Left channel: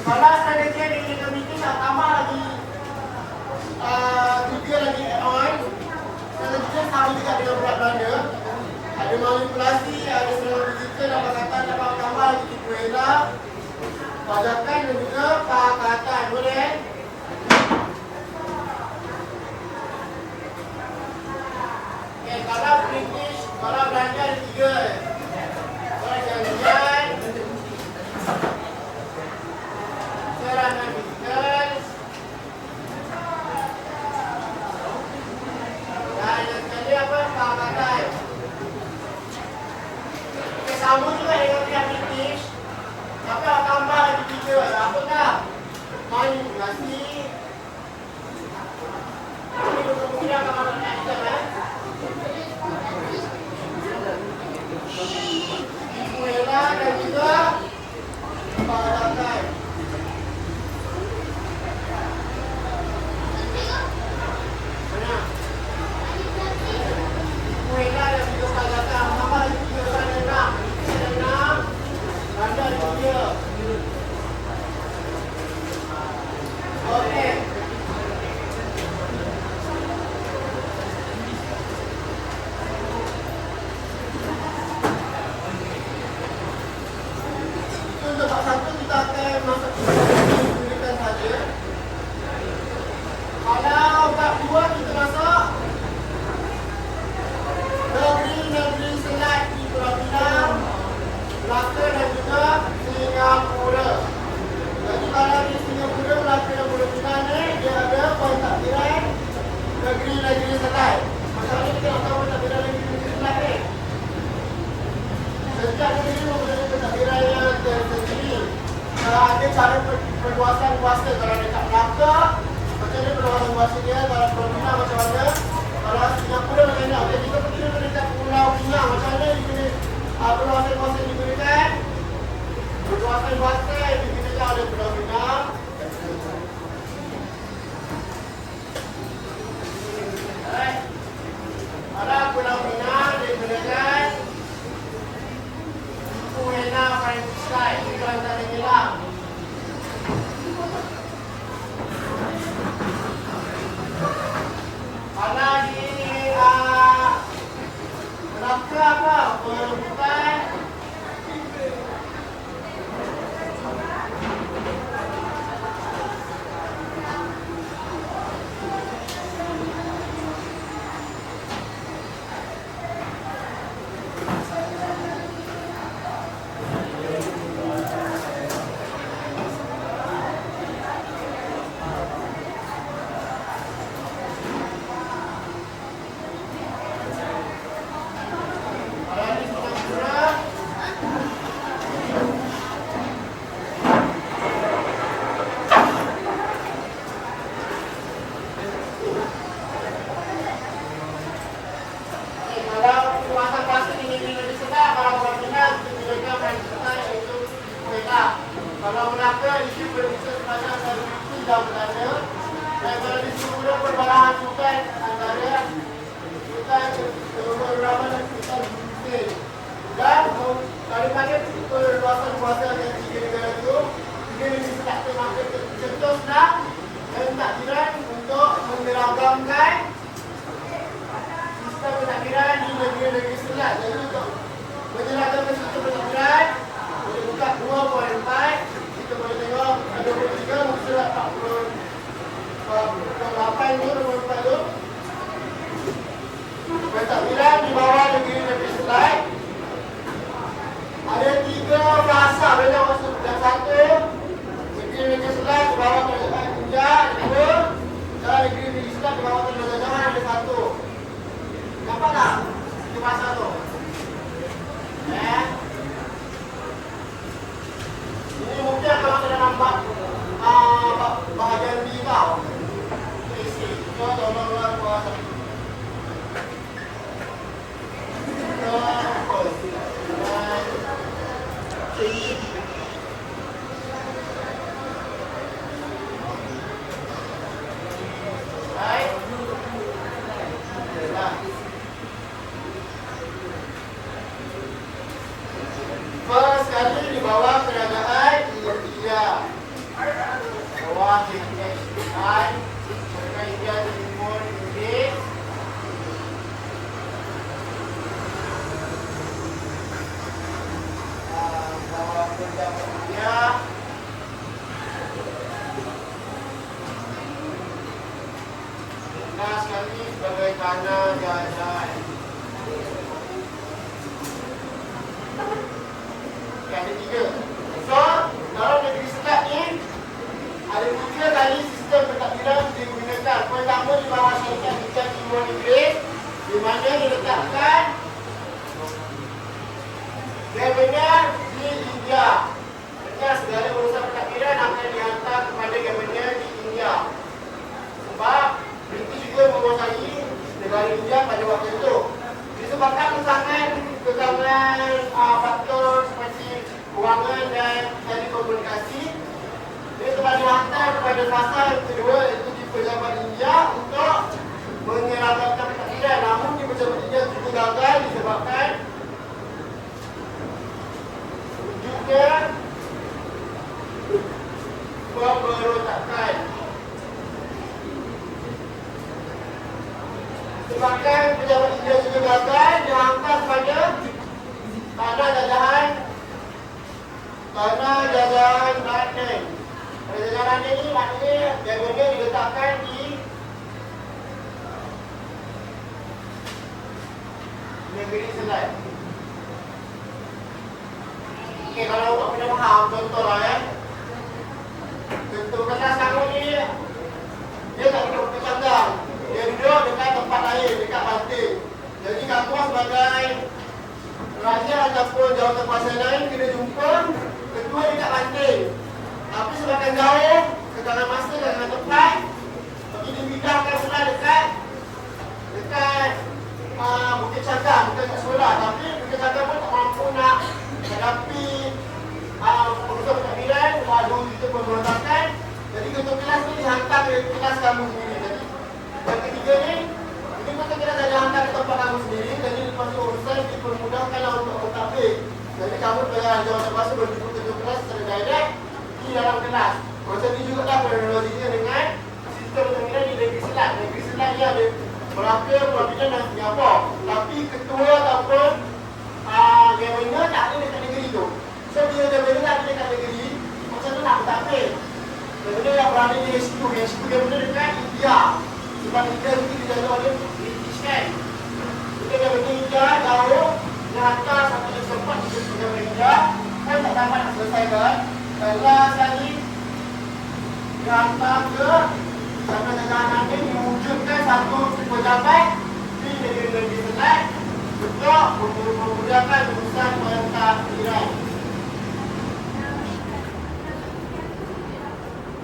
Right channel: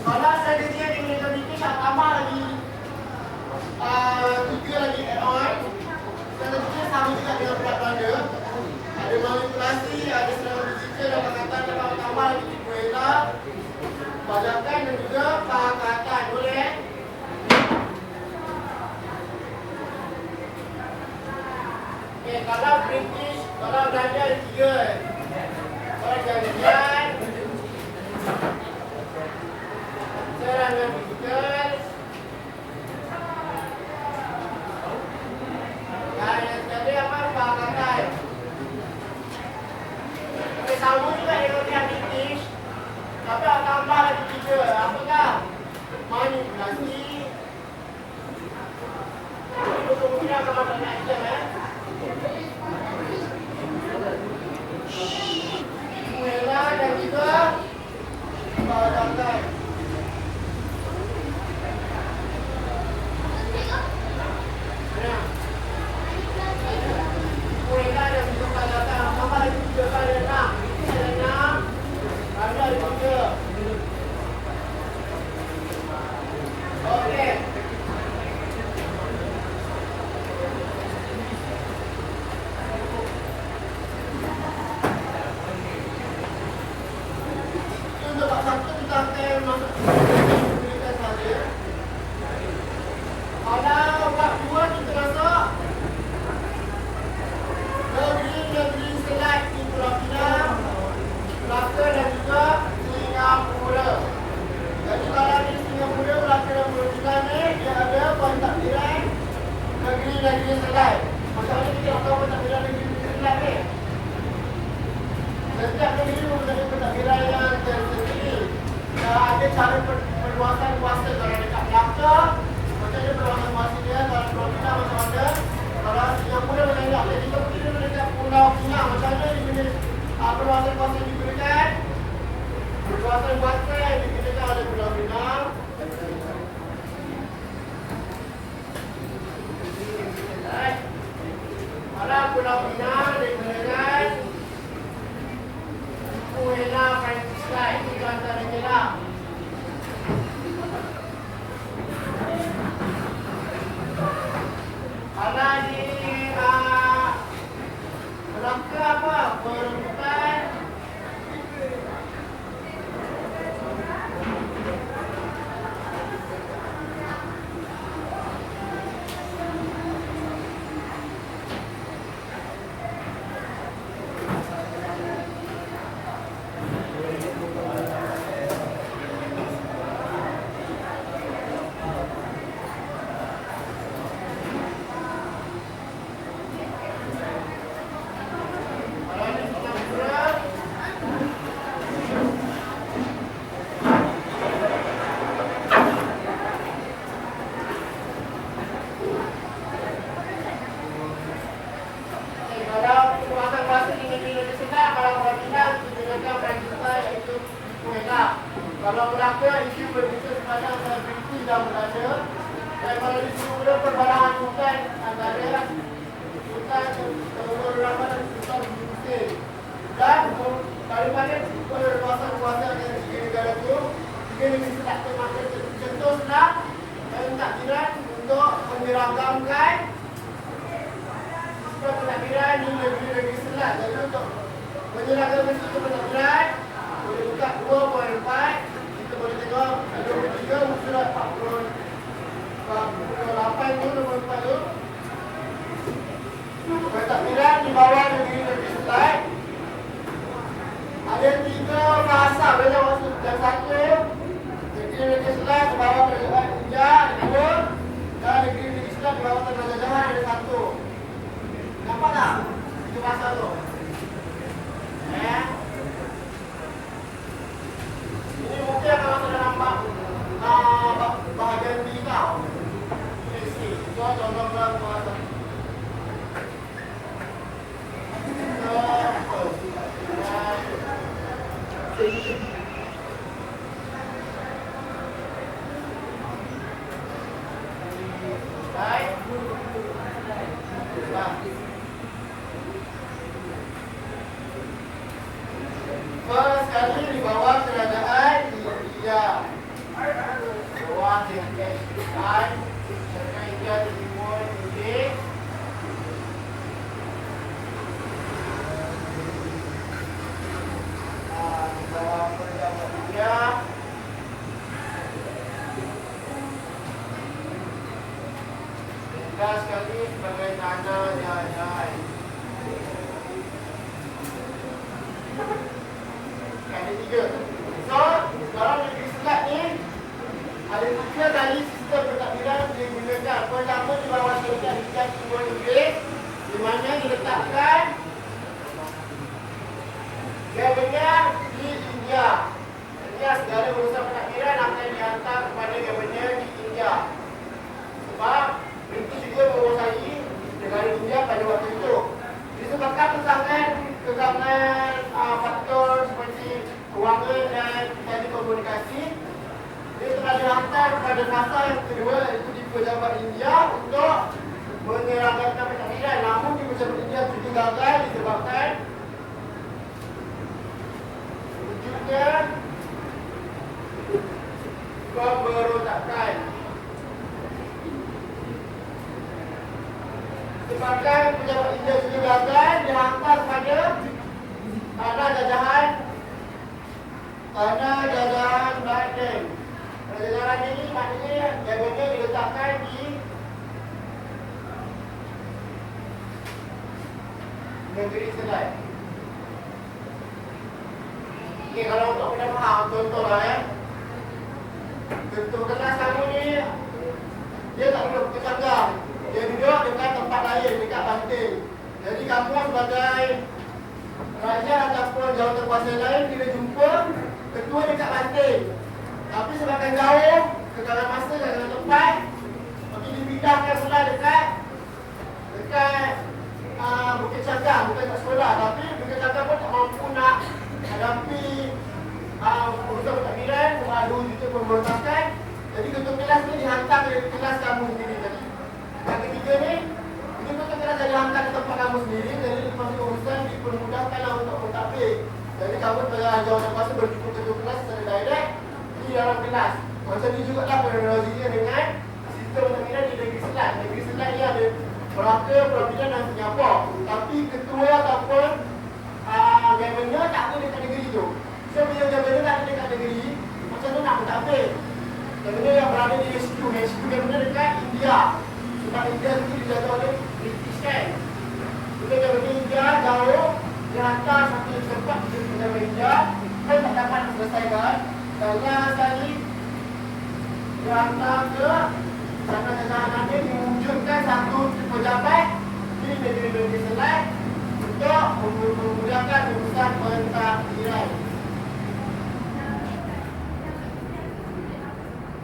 Kalau strategi yang ingin kita saya tambah lagi 3 lagi add-on. Yang ketiga sama juga dengan berat badan. Ada manipulasi, ada serangan fizikal, ada kata dapat tambah lagi tipu hela, bajakan dan juga pakatan. Boleh? Okay, kalau British, kalau Belanda ada 3. Kalau jangan-jangan serangan fizikal. Dan yang tadi apa? Pakatan. Okay, sama juga dengan yang British. Tapi ada tambah lagi 3. Apakah? Manipulasi. Ini betul-betul akan ada item Muela dan juga bajakan. Muela dan juga bajakan. Maka lagi 3 kali 6. Ini ada 6. Ada 3. Okey. Untuk bab 1 kita akan masuk gunakan saja. Kalau bab 2 kita masuk negeri-negeri selat di Pulau Pinang, Melaka dan juga Singapura. Jadi kalau di Singapura, Melaka dan Pulau Pinang ni dia ada pentadbiran negeri-negeri selat. Macam mana kita nak tahu pentadbiran negeri-negeri selat ni? Setiap negeri mempunyai pentadbiran yang tersendiri. Ada cara perluasan kuasa kalau dekat Melaka, macam ni perluasan kuasa dia. Kalau Pulau Pinang macam mana? Kalau Singapura macam mana? Jadi kita pergi dekat Pulau Pinang macam mana perluasan kuasa yang diberikan? Perluasan kuasa yang diberikan oleh Pulau Pinang. Kalau Pulau Pinang diberikan Puena Franciscae, itu antara kita. Karena di Melaka apa? Perebutan kalau Melaka isu berbisa sepanjang dari Turki dan Belanda. Dan kalau di Singapura perbalahan hutan antara hutan beberapa dan hutan Brunei. Dan daripada perluasan kuasa dari 3 negara itu, 3 negeri selat termakan tertentu sudah pentadbiran untuk menyeragamkan sistem pentadbiran di negeri-negeri selat. Jadi untuk menyeragamkan sistem pentadbiran boleh buka 2.4, kita boleh tengok 23 sudah 48 tu 24 tu. Pentadbiran di bawah negeri-negeri selat ada 3 bahasa bila masuk. Dan 1 negeri-negeri selat di bawah kerajaan India, 2 dan negeri-negeri selat di bawah kerajaan Jawa ada 1. Nampak tak 3 bahasa tu? Ini mungkin kalau saya nampak bahagian digital. Kita tolong bahasa. Sekali di bawah kerajaan India. sebagai tanah jajan. Yang ketiga, so dalam negeri Selat ni ada 3 kali sistem pentadbiran digunakan. Pertama di bawah syarikat Liga Timur Inggeris, di mana diletakkan Governor di India. Sehingga segala urusan pentadbiran akan dihantar kepada Governor di India. Sebab British juga menguasai negara India pada waktu itu. Disebabkan kesangan faktor seperti kewangan dan telekomunikasi, dia telah dihantar kepada fasa yang kedua, iaitu di pejabat India untuk menyeragamkan pentadbiran. Namun di pejabat India juga gagal disebabkan wujudnya pemberontakan. Sebabkan pejabat India juga gagal, dihantar kepada tanah jajahan London. Pada jajahan London ni maknanya governor diletakkan di negeri Selat. Okey, kalau awak pernah faham, contoh contoh kelas kamu ni dia tak duduk ke Canggang, dia duduk dekat tempat lain, dekat Banting. Jadi kamu sebagai raja ataupun jawatankuasa lain kena jumpa ketua dekat Banting. Tapi semakin jauh, kekalan masa dan tempat, bagi dipindahkan pula dekat Bukit Canggang, bukan kat sekolah. Tapi Bukit Canggang pun tak mampu nak hadapi urusan pentadbiran, ada itu pemberontakan. Jadi ketua kelas ni dihantar ke kelas kamu sendiri. Jadi yang ketiga ni, ketua kelas dah dihantar ke tempat kamu sendiri. Jadi lepas tu urusan dipermudahkanlah untuk mentadbir. Jadi kamu sebagai jawatankuasa berjumpa ketua kelas secara direct di dalam kelas. Masa ni juga dah kronologinya dengan sistem pentadbiran di negeri Selat. Negeri Selat ni ada Melaka, Pulau Pinang dan Singapura. Tapi ketua ataupun governor tak ada dekat negeri tu. So bila governor tak ada dekat negeri, macam tu nak mentadbir. Governor yang berada di HQ governor dekat India. Sebab India juga dijajah oleh British kan. Bila governor India jauh, dia hantar satu yang sempat di governor India pun tak dapat nak selesaikan. Dan last sekali dia hantar ke sana jajahan ini mewujudkan satu pejabat di negeri Selat untuk memudahkan urusan pentadbiran.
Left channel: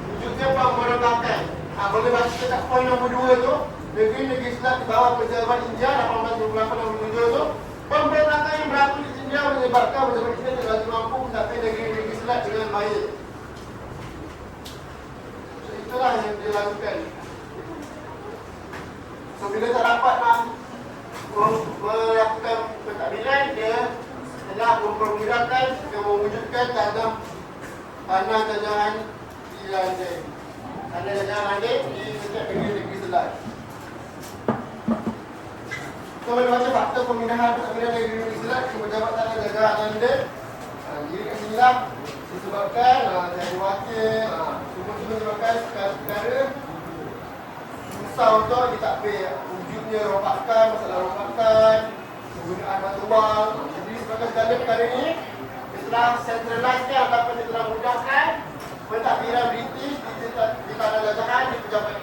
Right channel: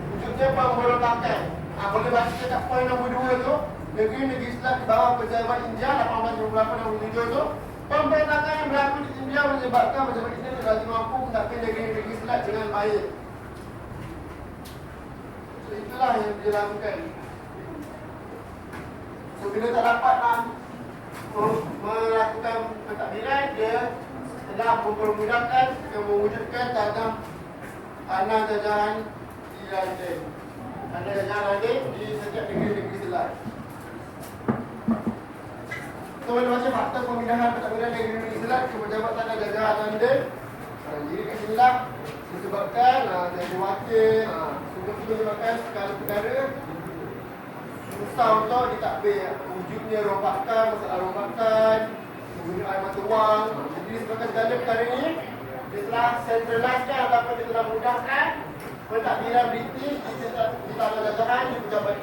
Wujudkan pemberontakan. Boleh baca dekat poin nombor 2 tu, negeri Selat di bawah pejabat India 1828-27 tu. Pemberontakan yang berlaku di India menyebabkan pejabat India tidak lagi mampu mentadbir negeri Selat dengan baik. Itulah yang dilakukan. So bila tak dapat melakukan pentadbiran, dia telah mempermudahkan dan mewujudkan tanah jajahan di London. Tanah jajahan London di setiap negeri Selat. So bila baca fakta pemindahan pentadbiran dari negeri Selat ke pejabat tanah jajahan London, jadi kat sini lah disebabkan ada wakil, semua menyebabkan perkara-perkara susah untuk ditadbir. Wujudnya rombakan, masalah rombakan, penggunaan batu wang. Jadi disebabkan segala perkara ini, dia telah centralizekan ataupun dia telah mudahkan pentadbiran British di tanah jajahan, di pejabat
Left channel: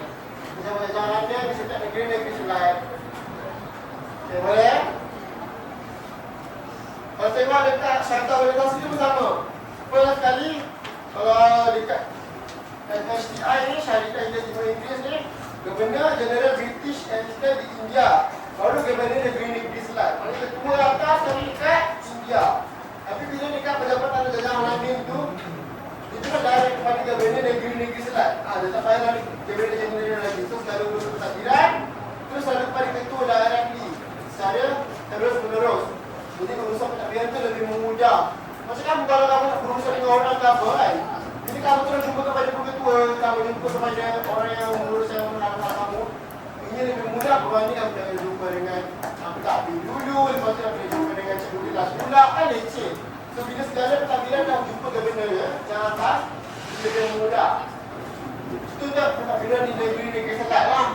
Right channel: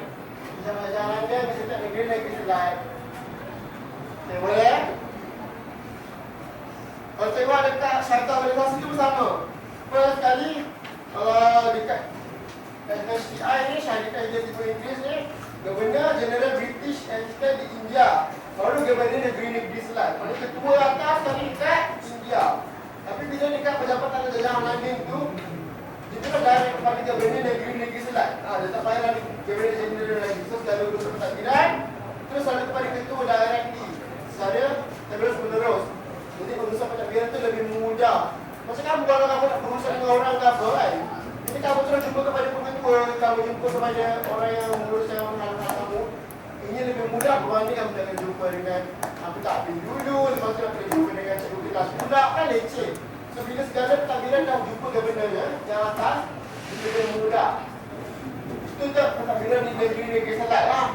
jajahannya di setiap negeri Selat. Okay, boleh? Kalau tengok dekat syarikat organisasi itu sama. First kali dekat SHTI ni, Syarikat Liga Timur Inggeris ni, Governor General British Assistant di India. Baru Governor negeri Selat. Maksudnya ketua atas yang dekat India. Tapi bila dekat pejabat tanah jajahan London tu, itu kan dari kepada Governor negeri Selat. Dia tak payah lagi Governor General lagi. So segala urusan pentadbiran terus selalu kepada ketua directly secara terus menerus. Jadi urusan pentadbiran tu lebih memudah. Macam kamu kalau kamu nak berurusan dengan orang ke apa kan, jadi kamu terus jumpa kepada ketua, kamu jumpa kepada orang yang menguruskan orang kamu. Ini lebih mudah berbanding kamu jangan jumpa dengan pentadbir dulu, lepas tu nak jumpa dengan cikgu kelas pula kan leceh. So bila segala pentadbiran dah jumpa governor ya, yang atas, lebih mudah. Itu je pentadbiran di negeri Selat lah.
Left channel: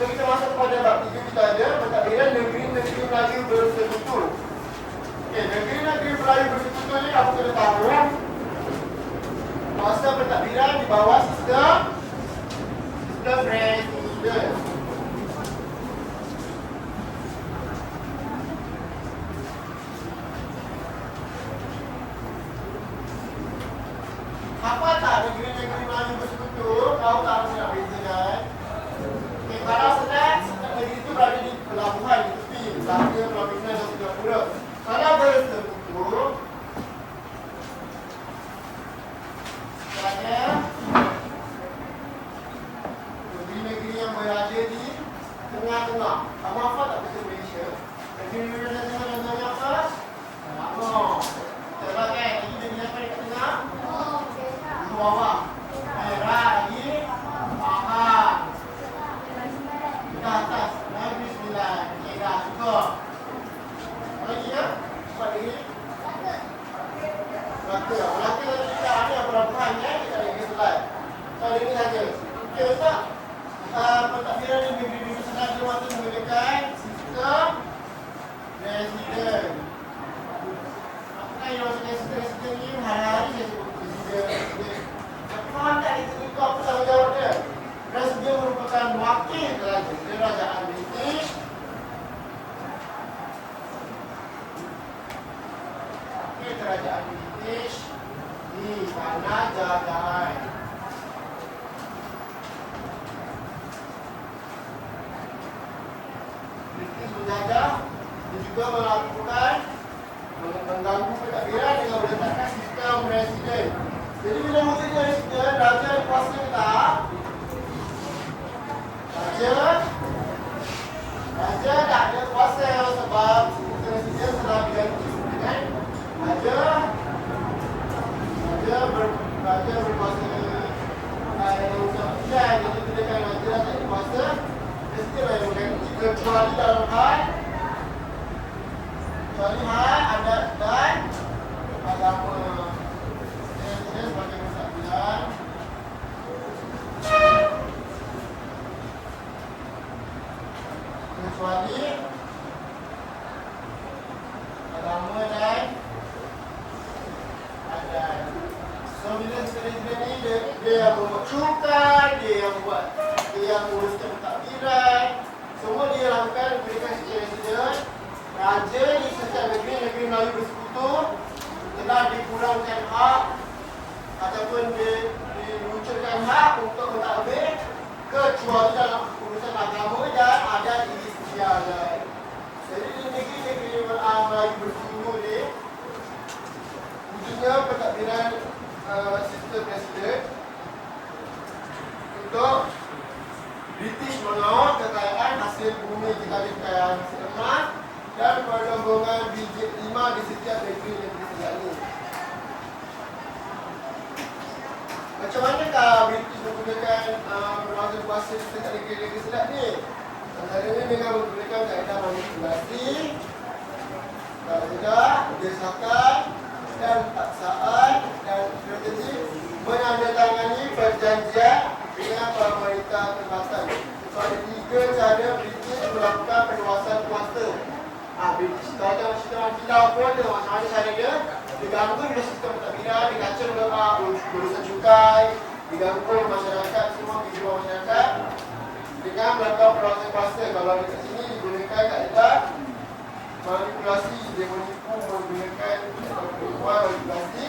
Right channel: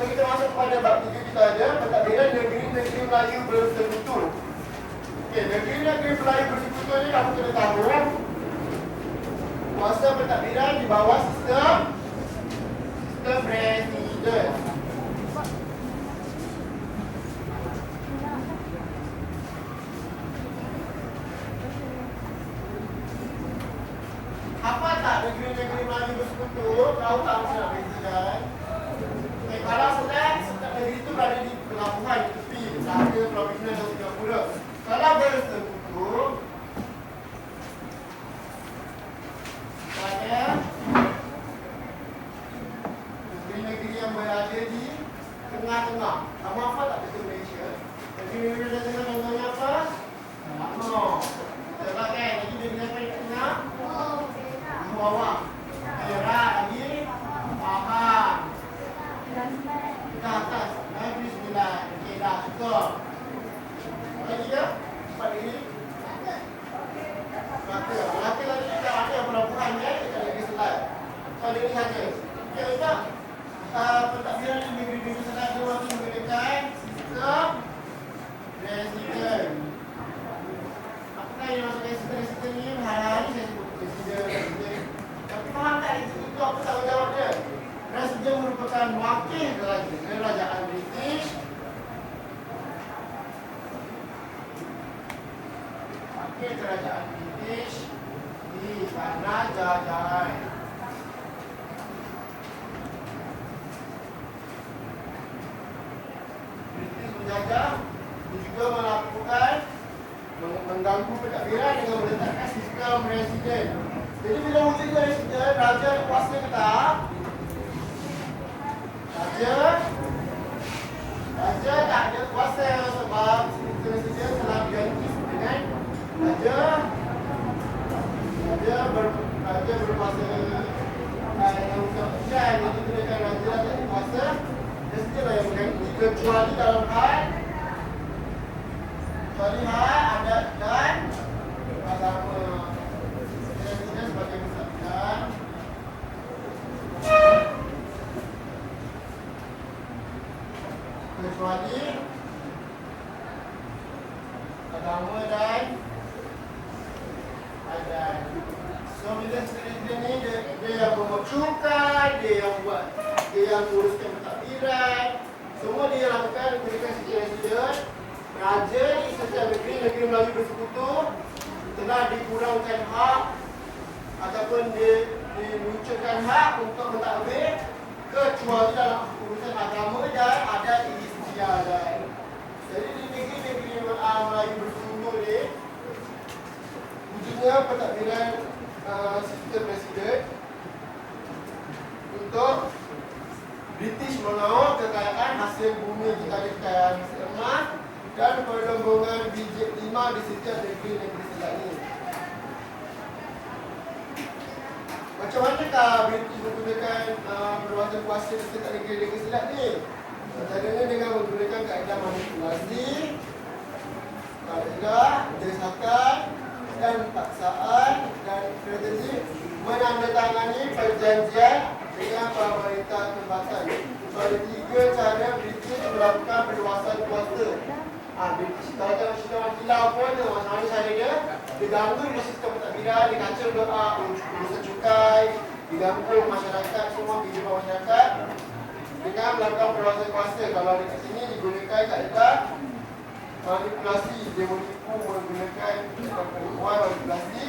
So kita masuk pada bab 3 kita ada pentadbiran negeri-negeri Melayu bersekutu. Okey, negeri-negeri Melayu bersekutu ni kamu kena tahu kuasa pentadbiran di bawah sistem presiden. Apa tak negeri-negeri Melayu bersekutu? Kau tak mesti nak bezakan. Okay, kalau sedang negeri itu berada di pelabuhan di tepi Melaka, Pulau Pinang dan Singapura. Kalau bersekutu, pada negeri-negeri yang berada di tengah-tengah. Kamu apa tak betul Malaysia? Negeri-negeri yang tengah contohnya apa? Tengah kan? Negeri-negeri apa dekat tengah? Bawah. Merah lagi. Bawah. Ke atas. Negeri 9. Okey, dah cukup. Apa lagi ya? Cepat lagi. Melaka tadi kita ada pelabuhan ya, kita lagi selai. Soal ini saja. Okey, Ustaz. Pentadbiran di negeri-negeri sengaja waktu menggunakan sistem presiden. Makna yang maksudnya sistem presiden ni hari-hari saya sebut presiden. Tapi faham tak itu apa tanggungjawab dia? Presiden merupakan wakil kerajaan British. Wakil kerajaan British di tanah jajahan. British menjajah dan juga melakukan mengganggu pentadbiran dengan meletakkan sistem presiden. Jadi bila wujud presiden, raja ada kuasa ke tak? Raja tak ada kuasa sebab presiden telah diganti dengan raja berkuasa dan itu tidak raja tak ada kuasa. Presiden lah yang mengganti kecuali dalam hal adat dan agama. Presiden sebagai persatuan kecuali agama dan adat. So bila presiden ni dia yang membuat cukai, dia yang uruskan pentadbiran, semua dia lakukan berikan presiden. Raja di setiap negeri Melayu bersekutu telah dikurangkan hak ataupun diluncurkan hak untuk mentadbir kecuali dalam urusan agama dan adat istiadat. Jadi di negeri-negeri Melayu bersekutu ni wujudnya pentadbiran sistem presiden untuk British mengawal kekayaan hasil bumi jika ada kekayaan hasil emas dan perlembungan biji 5 di setiap negeri-negeri selat ini. Macam manakah British menggunakan berkuasa kuasa di setiap negeri-negeri selat ni? Antaranya dengan menggunakan kaedah manipulasi, desakan dan paksaan dan strategi menandatangani perjanjian dengan pemerintah tempatan. So ada 3 cara British melakukan perluasan kuasa. British dalam sistem kilau pun ada macam mana cara dia. Diganggu dengan sistem pentadbiran, dikacau urusan cukai, diganggu masyarakat, semua kehidupan masyarakat dengan melakukan perluasan kuasa. Kalau dekat sini digunakan kaedah manipulasi, dia menipu menggunakan penipuan manipulasi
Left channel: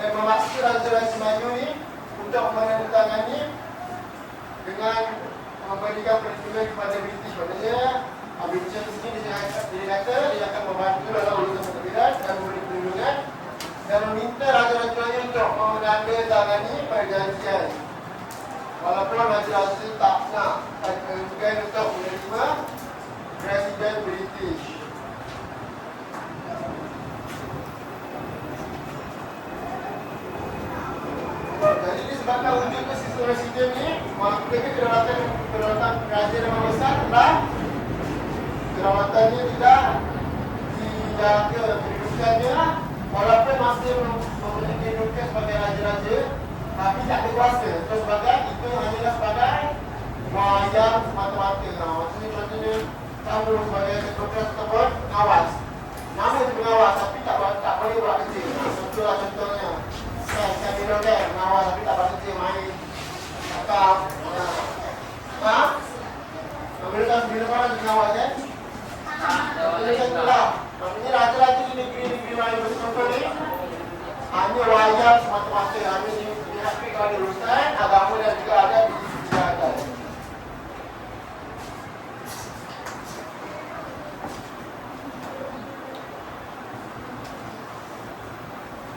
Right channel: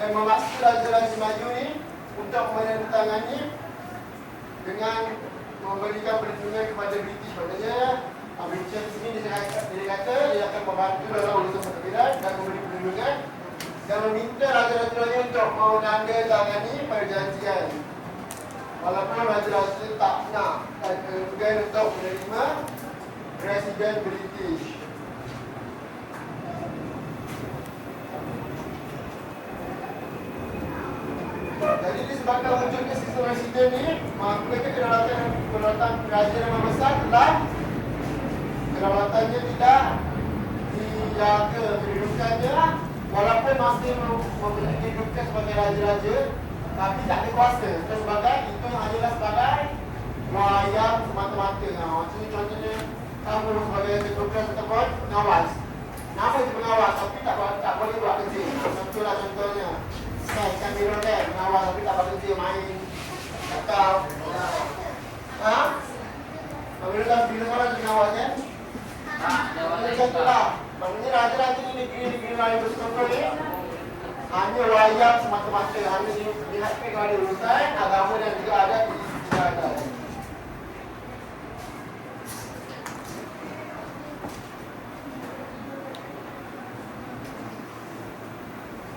dan memaksa raja-raja maju ni untuk menandatangani dengan memberikan perlindungan kepada British. Maknanya British di sini dia kata dia akan membantu dalam urusan pentadbiran dan memberi perlindungan dan meminta raja-raja untuk menandatangani perjanjian. Walaupun raja-raja tak nak enggan untuk menerima presiden British. Jadi disebabkan wujudnya sistem presiden ni, mereka kedaulatan raja yang membesar telah kedaulatannya tidak dijaga kedudukannya, walaupun masih mempunyai kedudukan sebagai raja-raja, tapi tak ada kuasa. Sebagai itu hanyalah sebagai wayang semata-mata. Contohnya kamu sebagai tugas ataupun pengawas. Nama itu pengawas tapi tak boleh buat kerja. Itulah contohnya. Kan kira kan pengawas tapi tak buat kerja main. Atau pemerintah bila orang pengawas kan? Itulah. Maknanya raja-raja di negeri-negeri lain bercontoh ni hanya wayang semata-mata. Hanya dilihat kalau ada urusan agama dan juga ada di masyarakat.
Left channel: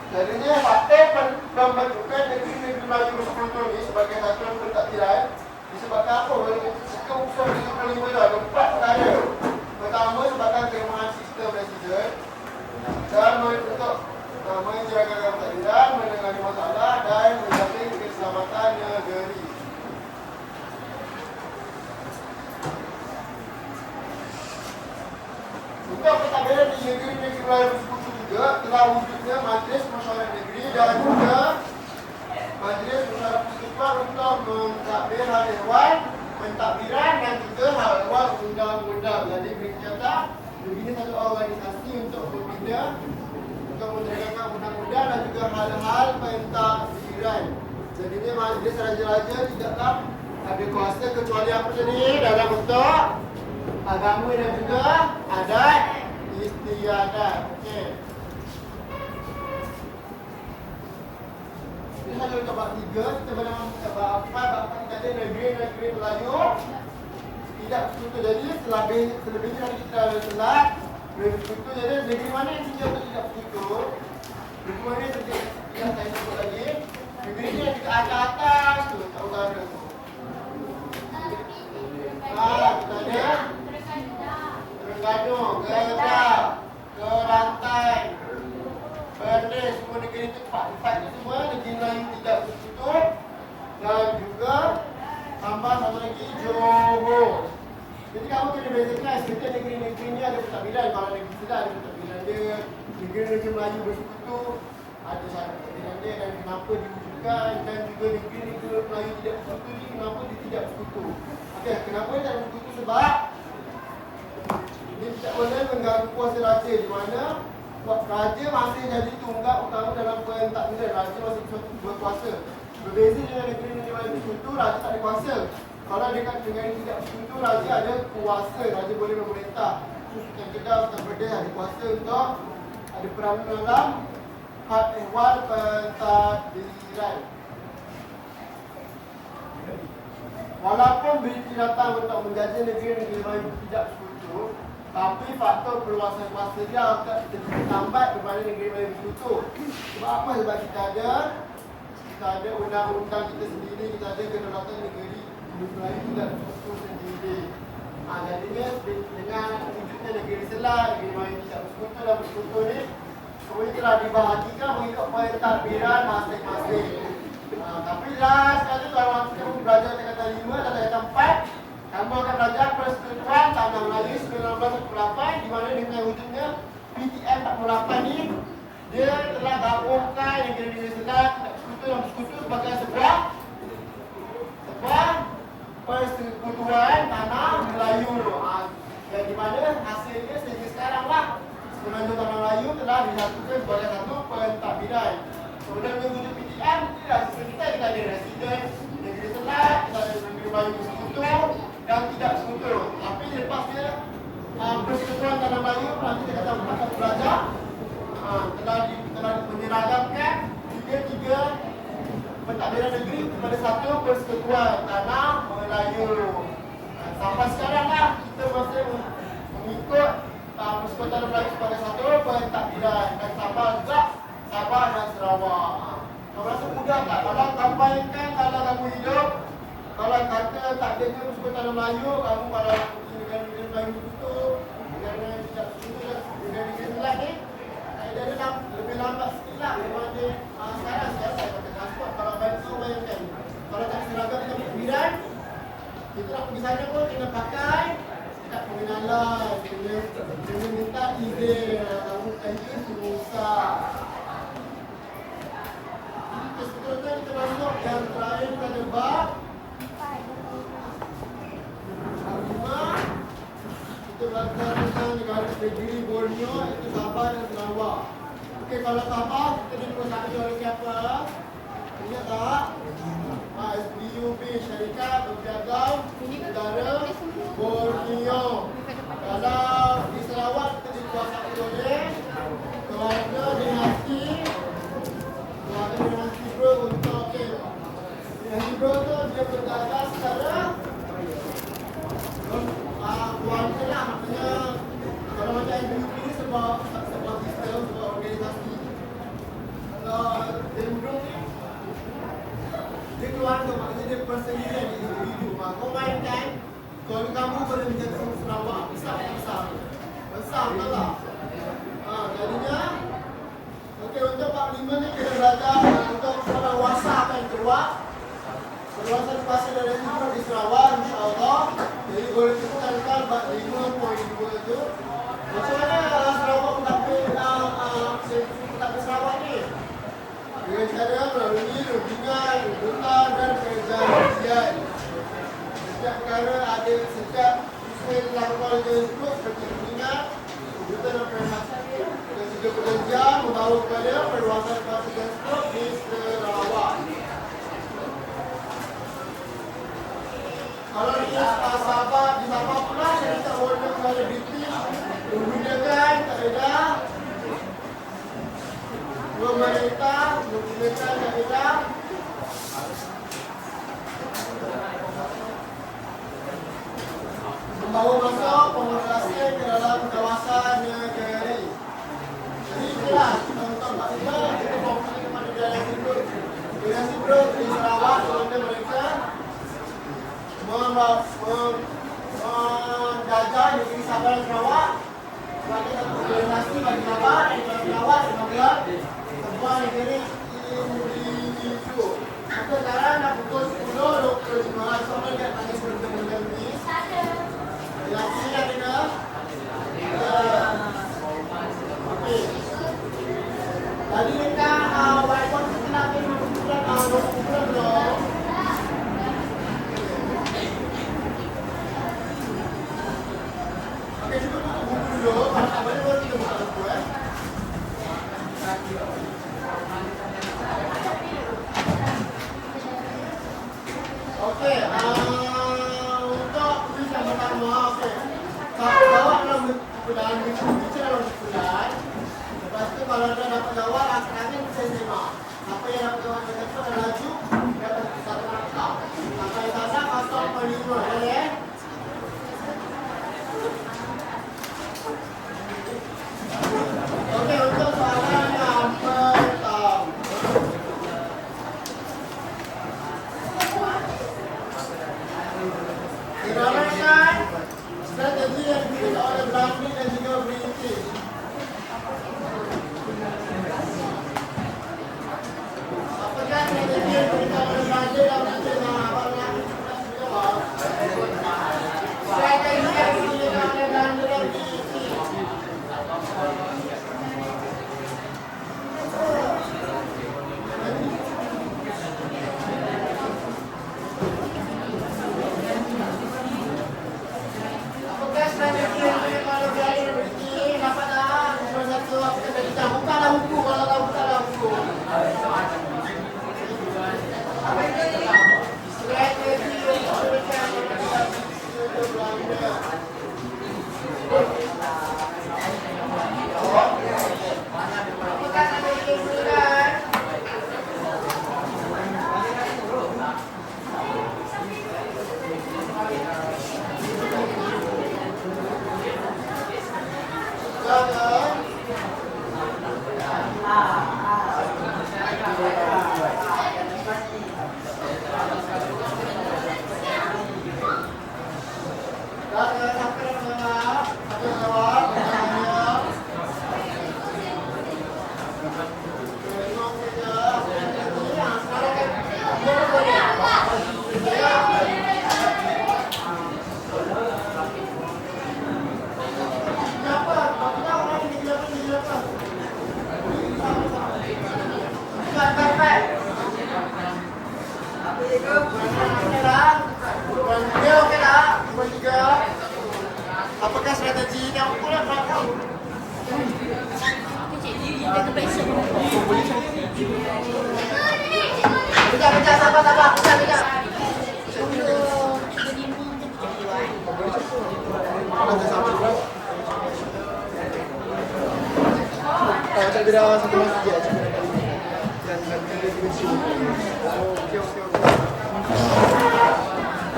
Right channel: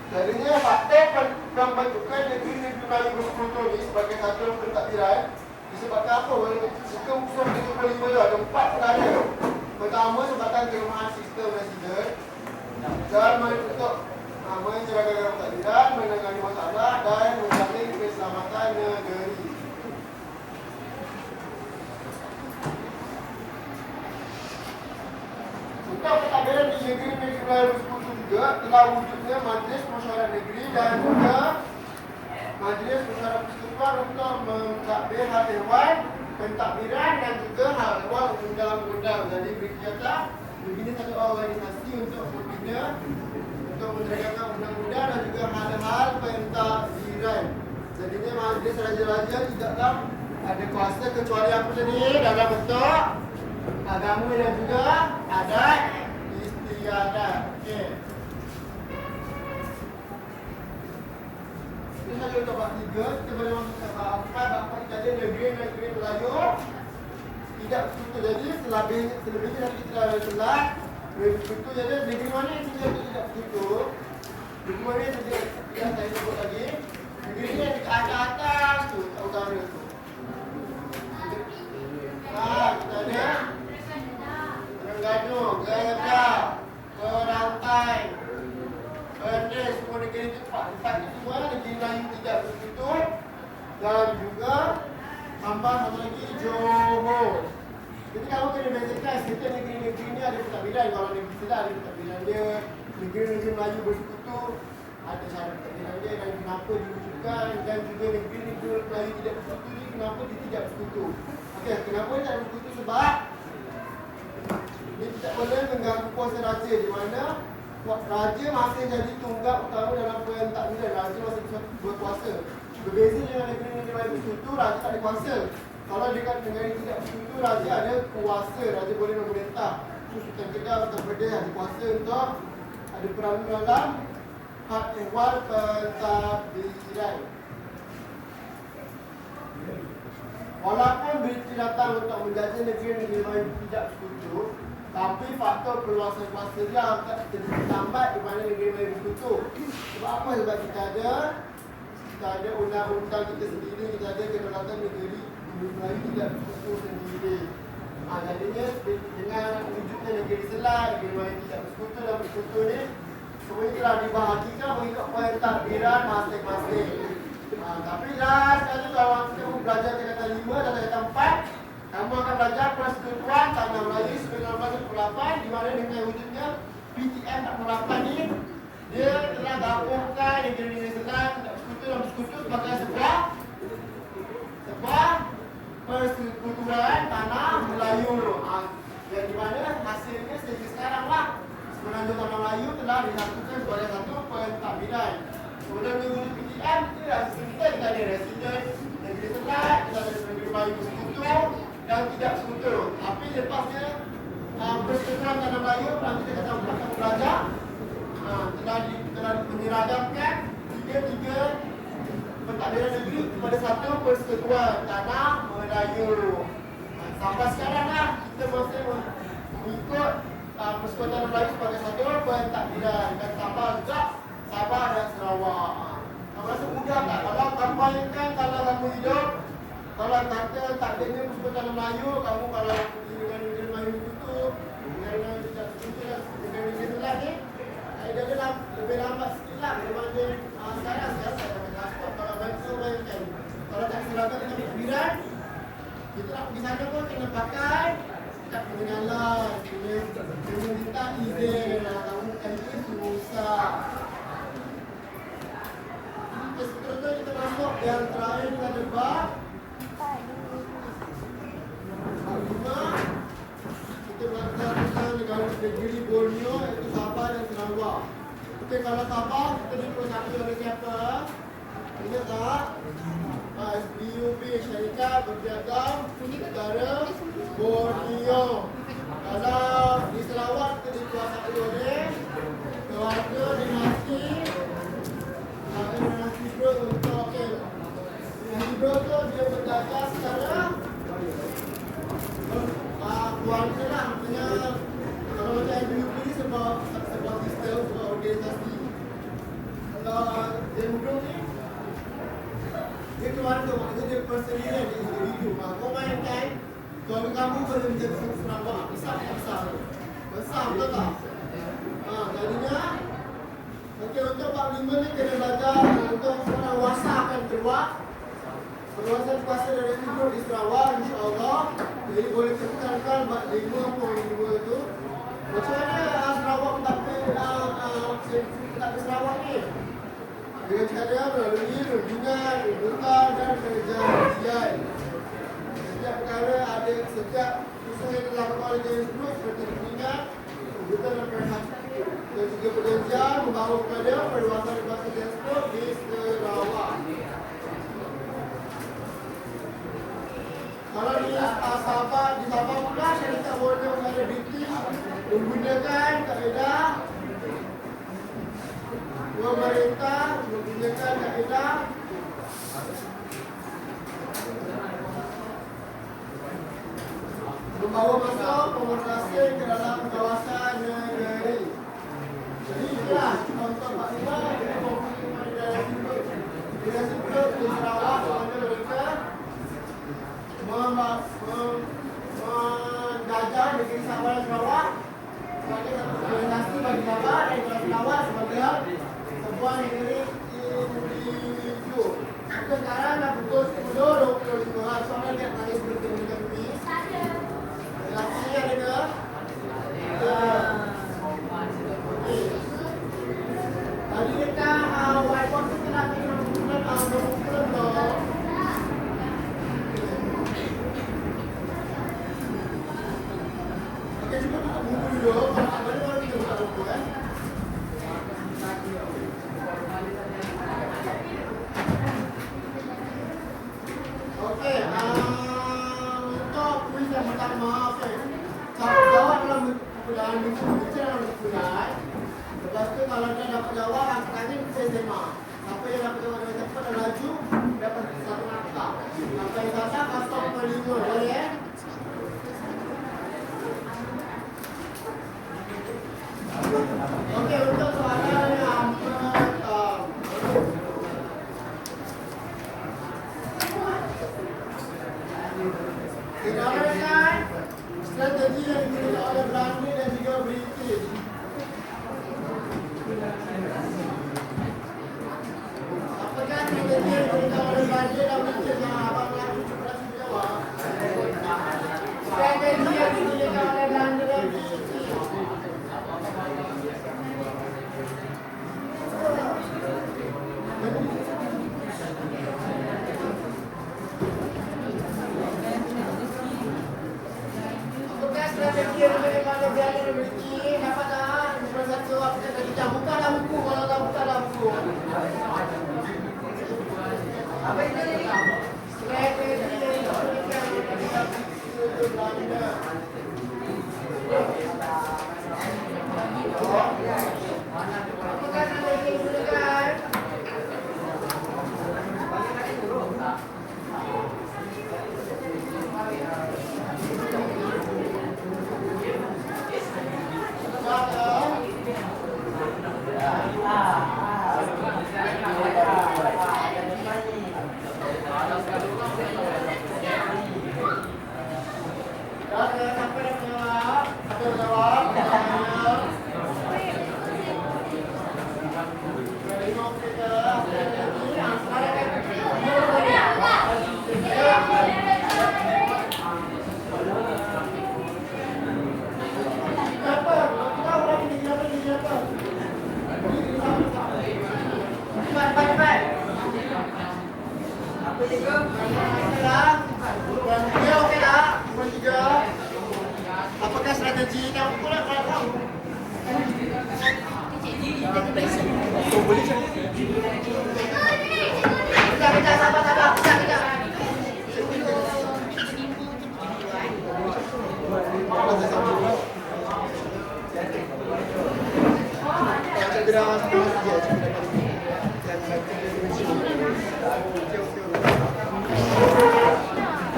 Jadinya faktor pembentukan negeri-negeri Melayu bersekutu ni sebagai satu pentadbiran disebabkan apa? Jika unsur 75 tu ada 4 perkara. Pertama, sebabkan kelemahan sistem residen dan untuk menjaga pentadbiran, menangani masalah dan menjamin keselamatan negeri. Untuk pentadbiran di negeri-negeri Melayu bersekutu juga telah wujudnya Majlis Mesyuarat Negeri dan juga Majlis Mesyuarat Persekutuan untuk mentadbir hal ehwal pentadbiran dan juga hal ehwal undang-undang. Jadi berkata begini satu organisasi untuk berbina untuk menegakkan undang-undang dan juga hal-hal pentadbiran. Jadi ini majlis raja-raja tidaklah ada kuasa kecuali apa tadi dalam bentuk agama dan juga adat istiadat. Ini satu bab 3, kita boleh masuk ke bab 4. Bab 4 kita ada negeri-negeri Melayu tidak bersekutu. Jadi selebihnya nanti kita ada telat bersekutu. Jadi negeri mana yang sini untuk tidak bersekutu? Negeri mana yang saya sebut lagi? Negeri ni yang dekat atas tu, kat utara tu. Kita ada Terengganu, Kedah, Kelantan, Perlis, semua negeri itu empat ni semua negeri Melayu tidak bersekutu. Dan juga tambah satu lagi Johor. Jadi kamu kena bezakan setiap negeri-negeri ni ada pentadbiran. Kalau negeri Kedah ada pentadbiran dia, negeri-negeri Melayu bersekutu ada syarat pentadbiran dia dan kenapa diwujudkan, dan juga negeri-negeri Melayu tidak bersekutu ni kenapa dia tidak bersekutu. Okey, kenapa dia tak bersekutu? Sebab dia tidak boleh mengganggu kuasa raja, di mana raja masih jadi tunggak utama dalam pentadbiran. Raja masih berkuasa. Berbeza dengan negeri-negeri Melayu bersekutu, raja tak ada kuasa. Kalau dekat negeri tidak bersekutu, raja ada kuasa. Raja boleh memerintah. Sultan Kedah, Sultan Perlis ada kuasa untuk ada peranan dalam hal ehwal pentadbiran. Walaupun British datang untuk menjajah negeri-negeri Melayu tidak bersekutu, tapi faktor perluasan kuasa dia akan terlambat kepada negeri Melayu bersekutu. Sebab apa? Sebab kita ada undang-undang kita sendiri, kita ada kedaulatan negeri Melayu tidak bersekutu sendiri. Jadinya dengan wujudnya negeri Selat, negeri Melayu tidak bersekutu dan bersekutu ni semuanya telah dibahagikan mengikut pentadbiran masing-masing. Tapi jelas sekali kalau kamu belajar tingkatan 5 dan tingkatan 4, kamu akan belajar Persekutuan Tanah Melayu 1948, di mana dengan wujudnya PTM 48 ni dia telah gabungkan negeri-negeri Selat tidak bersekutu dan bersekutu sebagai sebuah Persekutuan Tanah Melayu. Yang di mana hasilnya sehingga sekarang lah Semenanjung Tanah Melayu telah disatukan sebagai satu pentadbiran. Kemudian wujud PTM kita ada residen negeri Selat, kita ada negeri Melayu bersekutu dan tidak bersekutu. Tapi lepasnya Persekutuan Tanah Melayu nanti kita tahu kamu belajar telah menyeragamkan tiga pentadbiran negeri kepada satu Persekutuan Tanah Melayu. Sampai sekarang lah kita masih mengikut Persekutuan Tanah Melayu sebagai satu pentadbiran, dan tambah juga Sabah dan Sarawak. Kamu rasa mudah tak? Kalau kampanyekan kalau kamu hidup, kalau kata tak adanya Persekutuan Tanah Melayu, kamu kalau negara-negara Melayu bersekutu, negara-negara yang tidak bersekutu, negara-negara Selat ni dia lebih lambat sikit lah daripada sekarang. Saya pakai transport. Kalau kau bayangkan, kalau tak seragam dengan pentadbiran, kita nak pergi sana pun kena pakai kad pengenalan, kena minta izin, kamu kena susah. Seterusnya kita masuk yang terakhir, kita ada bab negeri Borneo, iaitu Sabah dan Sarawak. Okey, kalau Sabah kita dikuasai oleh siapa? Ingat tak? SBUB, Syarikat Berdagang Negara Borneo. Kalau di Sarawak kita dikuasai oleh keluarga dinasti Bro untuk okey. Dinasti Bro tu dia berdagang secara keluarga lah, maknanya kalau macam SBUB ni sebab sistem, sebab organisasi. Kalau Dendro ni dia keluarga, maknanya dia persendirian, dia individu. Kau mainkan, keluarga kamu boleh menjaga Sarawak. Besar tak besar? Besar, betul tak? Jadinya, okey, untuk Pak 5 ni kena belajar untuk pengawasan keluar. Pengawasan kuasa dari hidup di Sarawak, insyaAllah. Jadi boleh tekankan Pak 5.2 tu. Macam mana Sarawak mentadbir Sarawak ni? Dengan cara melalui rundingan, runtutan dan perjanjian. Setiap perkara ada setiap usaha yang dilakukan oleh tersebut seperti rundingan, runtutan dan perjanjian. Dan juga perjanjian membawa kepada perluasan kuasa tersebut di Sarawak. Kalau di Sabah pula, syarikat Borneo negara British menggunakan kaedah pemerintah menggunakan kaedah membawa masuk penguasa asing ke dalam kawasan negeri. Jadi itulah untuk Pak Sima, kita fokus kepada daerah situ. Dengan Sibro di Sarawak, sebenarnya mereka menjajah negeri Sabah dan Sarawak sebagai organisasi bagi Sabah dan Sarawak sebagai sebuah negeri individu. Maka sekarang dah pukul 10.25. Sampai dekat tadi bertemu dengan Miss. Relasi ada ke? Okey. Tadi dekat whiteboard kita nak kumpulan belum? Okey, cuba nak buku dulu. Kalau tak boleh baru kita buka buku Okey, untuk kuis yang pertama, okey. Jawab dalam kumpulan, bincang dalam kumpulan. Lepas tu kalau dah dapat jawab, akhirnya kita SMA. Siapa yang dapat jawab yang tepat dan laju, dapat satu markah. Kalau salah, 0.5. Boleh? Okey, untuk soalan yang pertama. Diramalkan strategi yang digunakan oleh Belanda dan juga British. Apakah strategi yang digunakan oleh Belanda dan British? Abang nak jawab. Strategi yang digunakan oleh Belanda dan British. Bukalah buku kalau tak bukalah buku. Apakah strategi kamu pula kamu? Oh, boleh tak? Pecah, sabar, pecah.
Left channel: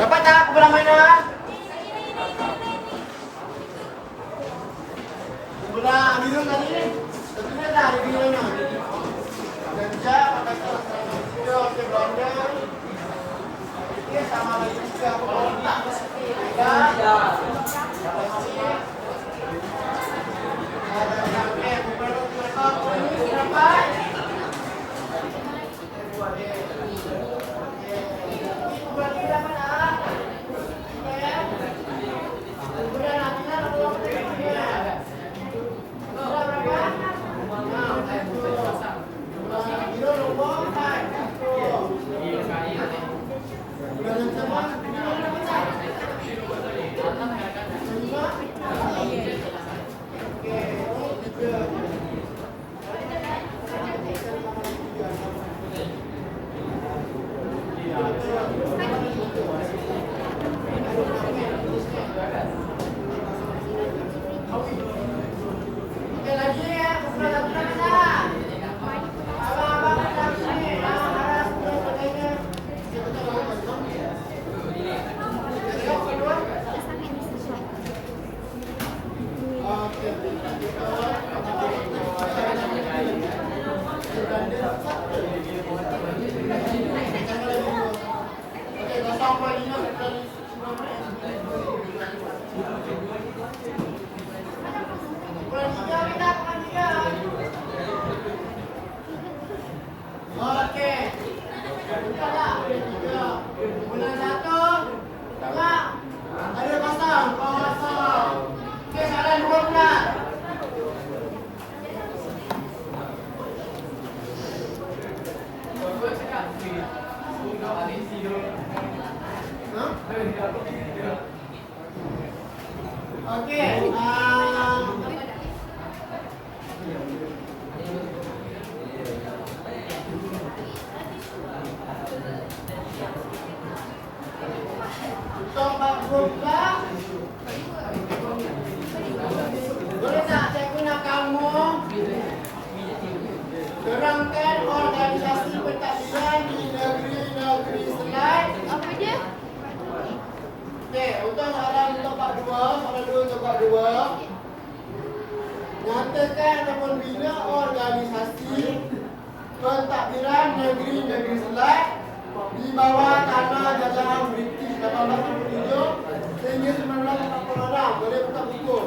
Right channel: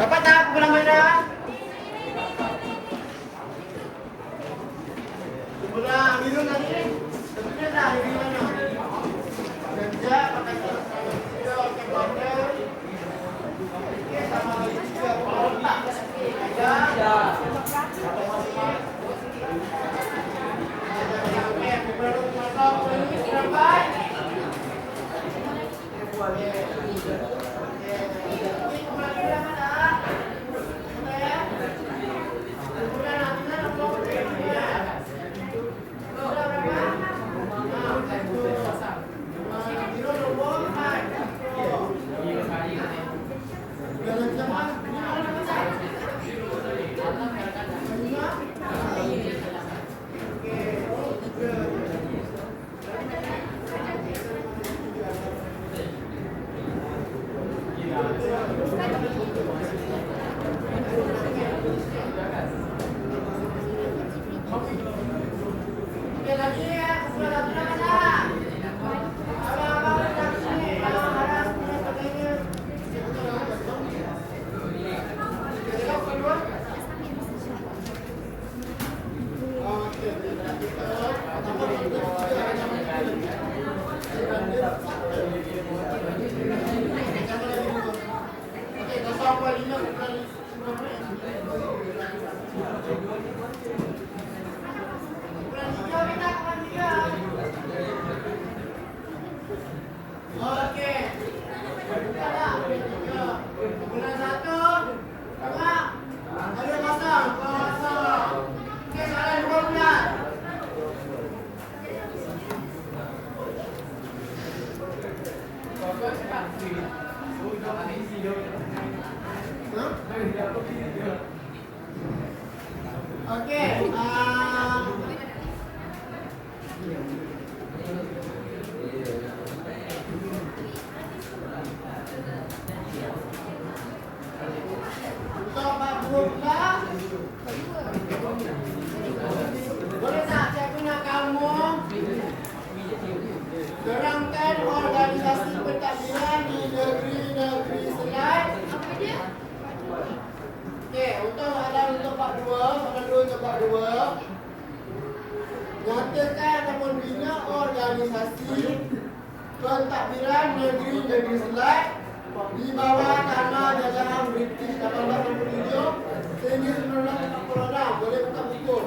Dapat tak pengalamannya? Sudah minum tadi? Sudah dah ada minumnya. Belanja pakai cara video ke blender. Ini sama lagi juga tak ada. Boleh tak saya guna kamu terangkan organisasi pentadbiran di negeri-negeri selain. Apa dia? Okey, untuk soalan untuk part 2, nyatakan ataupun bina organisasi pentadbiran negeri-negeri selain di bawah tanah jajahan British 1867 sehingga 1946. Boleh buka buku.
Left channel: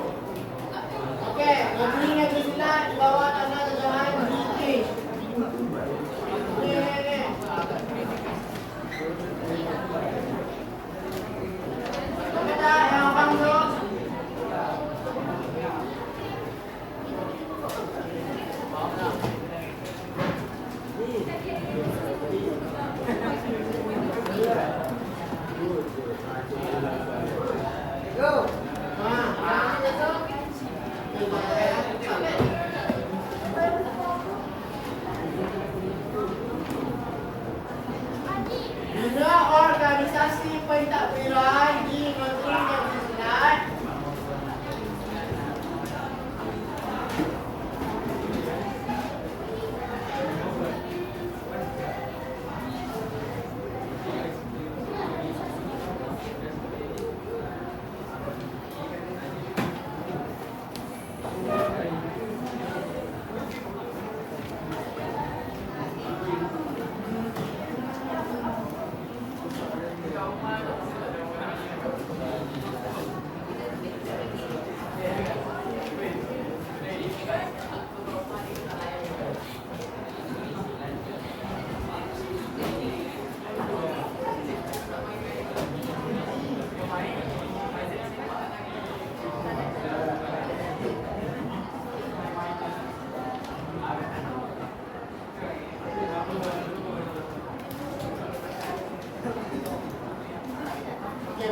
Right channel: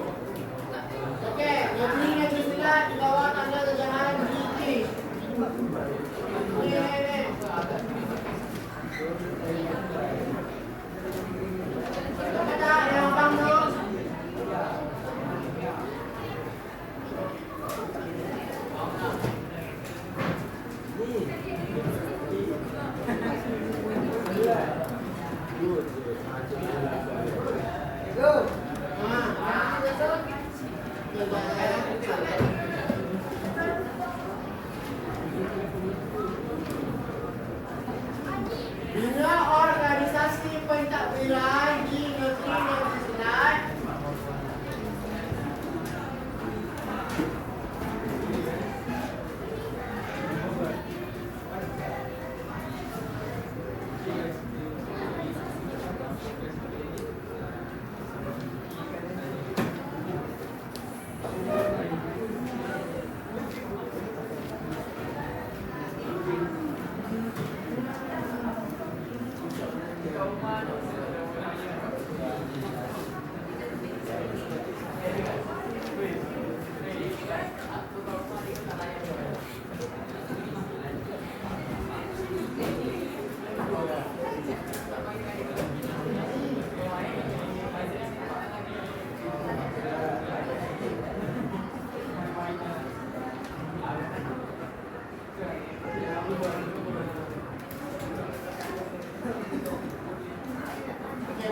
Okey, negeri-negeri selain di bawah tanah jajahan British. Ni. Kita yang abang tu. Go. Bina organisasi pentadbiran di negeri-negeri selain.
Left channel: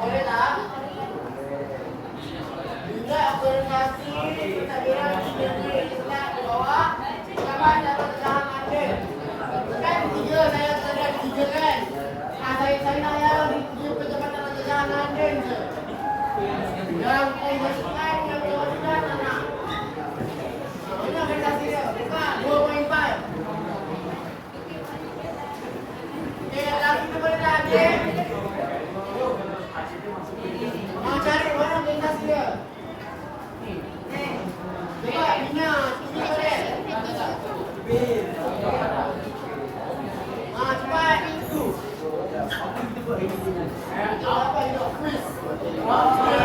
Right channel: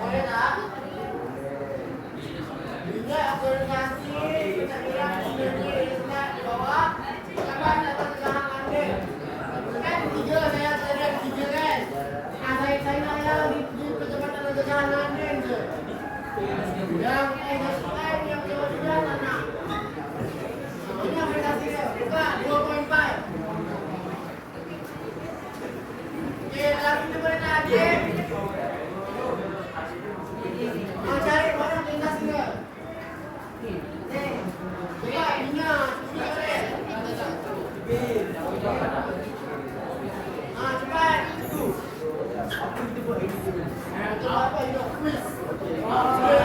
Boleh tak? saya ya di pejabat jalan lain je. Yang lain yang jawaban anak. Ini yang mereka sini buka 2.5. Oke, lagi di mana lagi? Mau cari orang di atas dia. Coba ini boleh. Cepat. Apa itu? Quiz. Apa itu?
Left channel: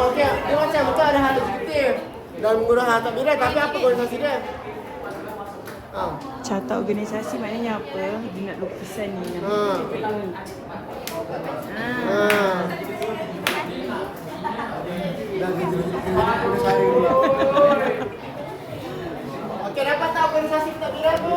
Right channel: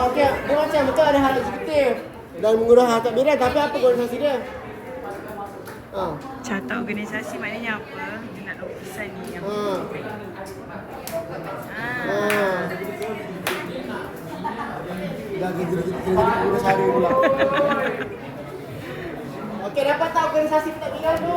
Okey, dia macam betul ada hal eksekutif dan mengurus harta miras, tapi apa organisasi dia? Carta organisasi maknanya apa? Dia nak lukisan ni. Okey, dapat tak organisasi kita miras tu?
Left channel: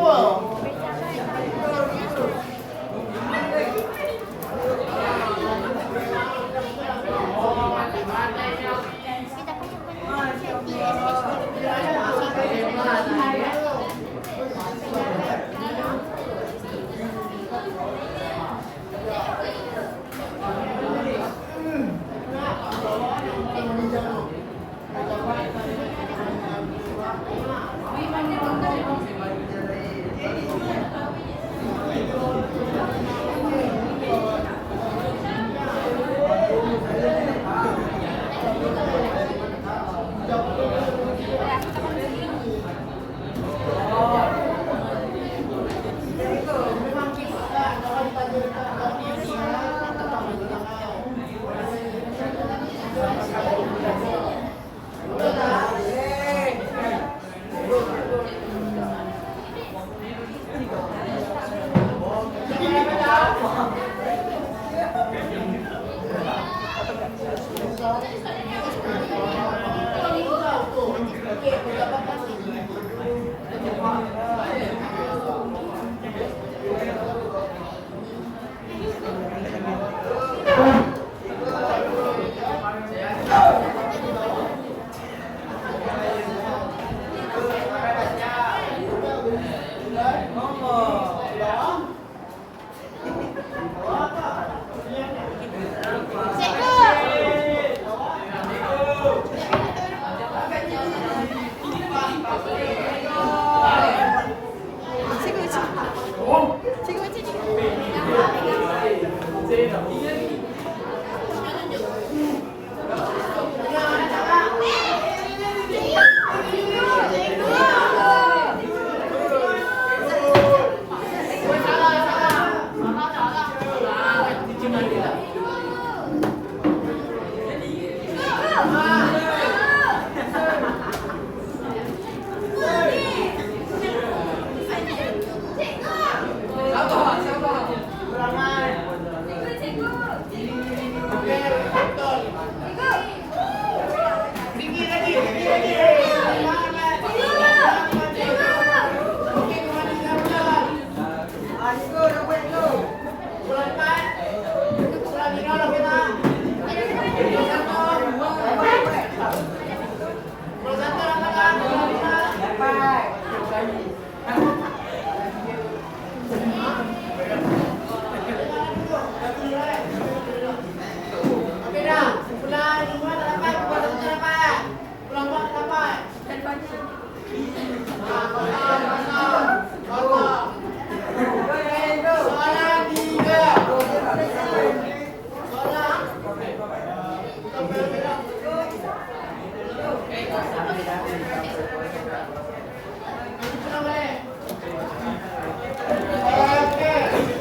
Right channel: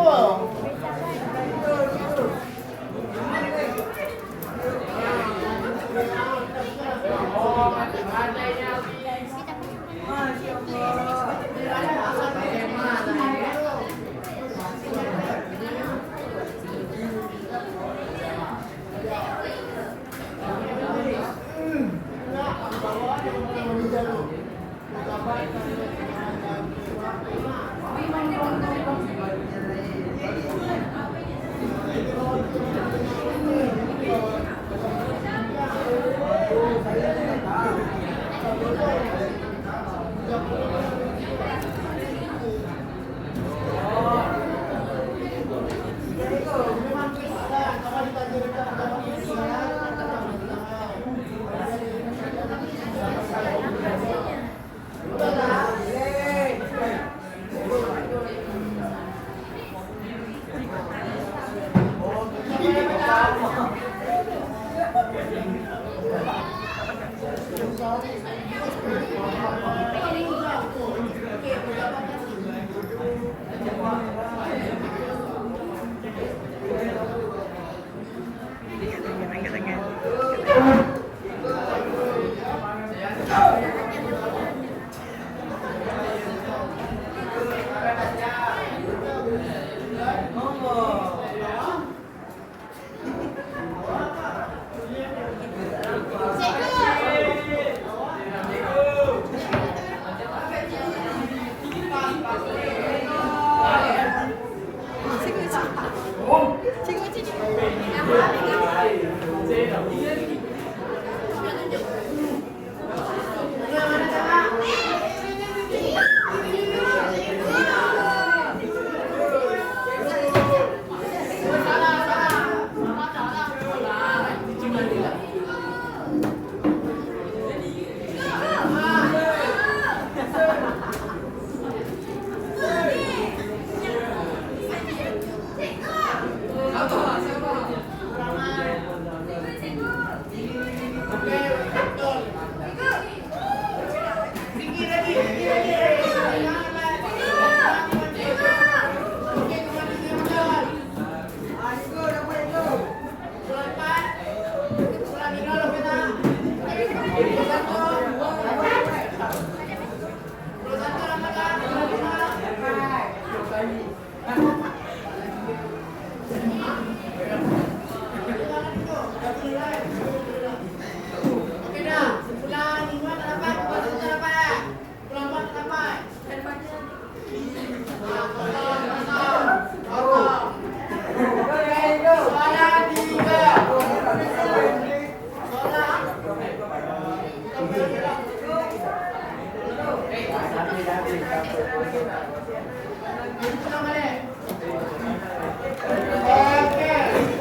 Oke.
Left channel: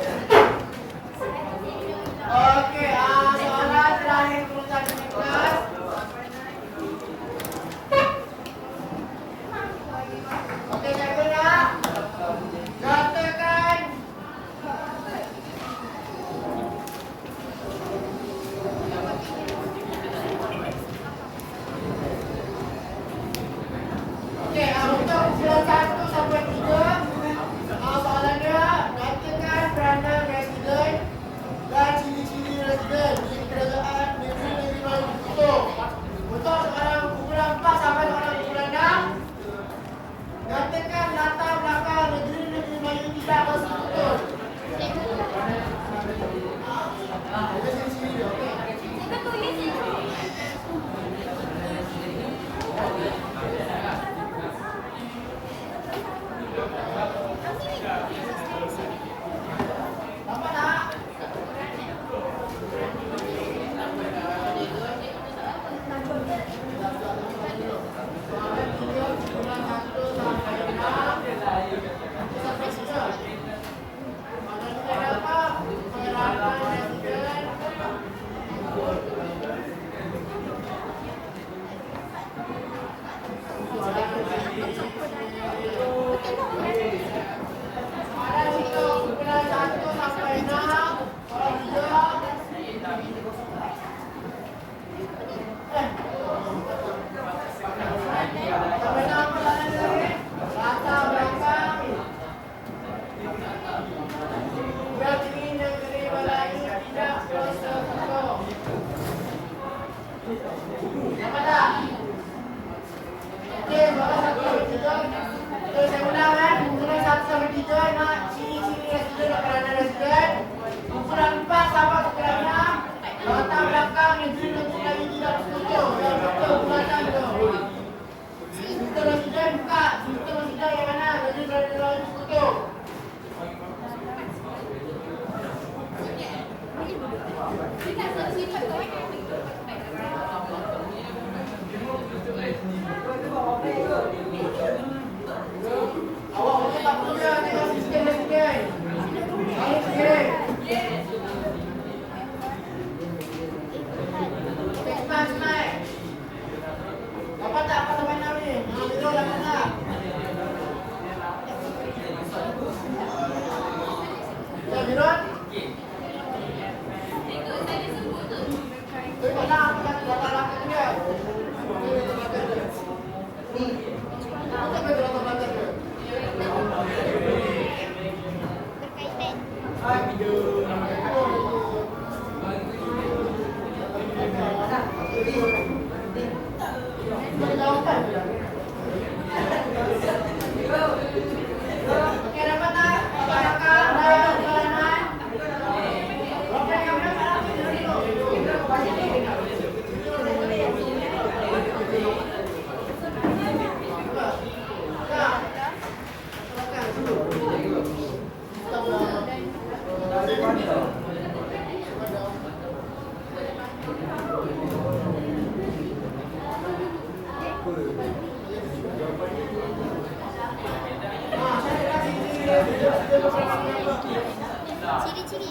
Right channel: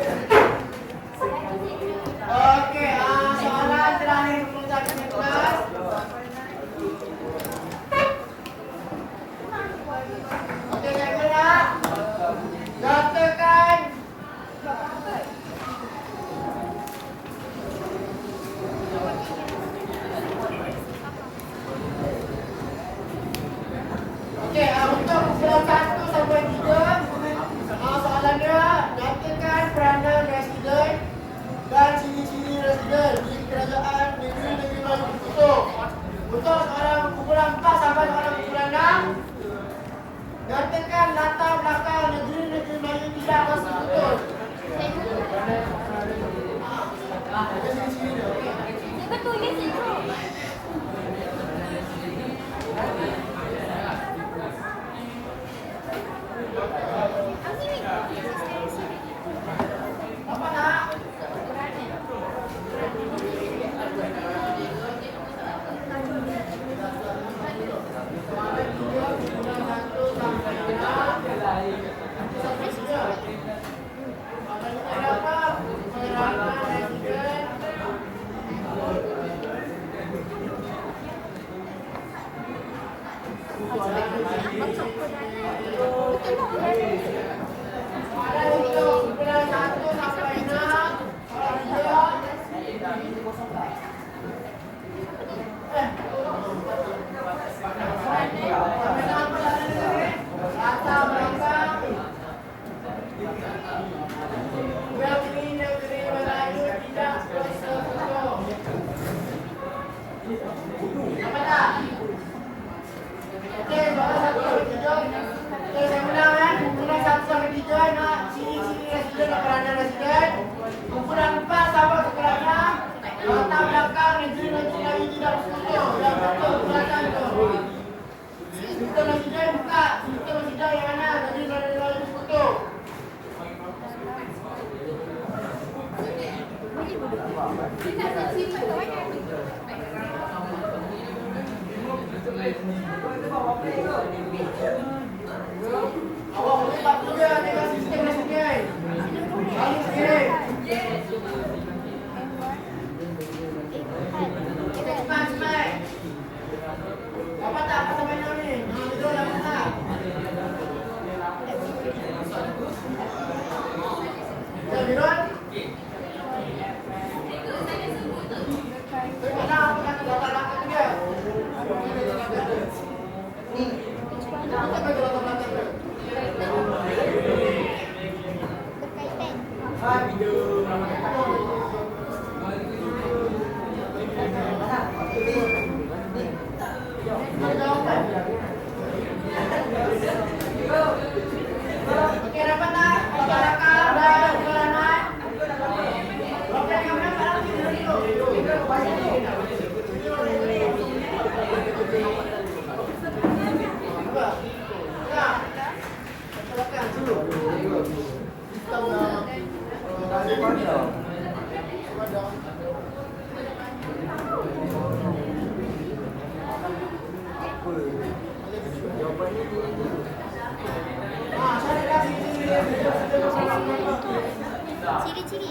Ciri-ciri.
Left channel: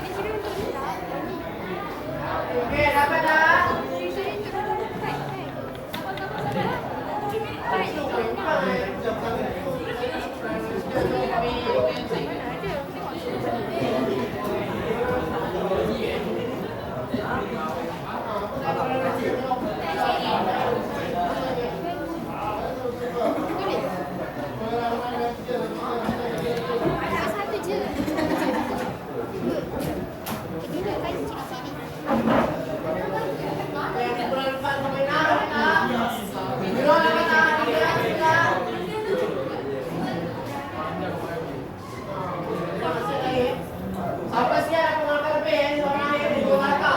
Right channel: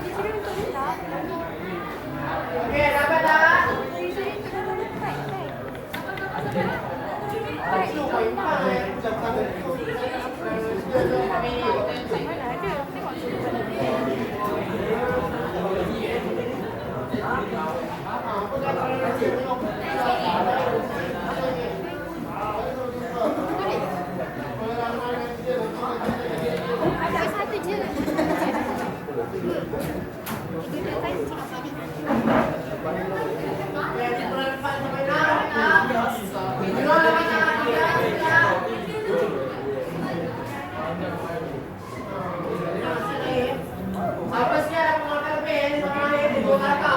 Ciri-ciri untuk kita. Oke, dapat tak? Ciri-ciri untuk kita. Mana ada? Tengok satu je. Apa sih yang mengajar Ben? Orang yang di Jakarta.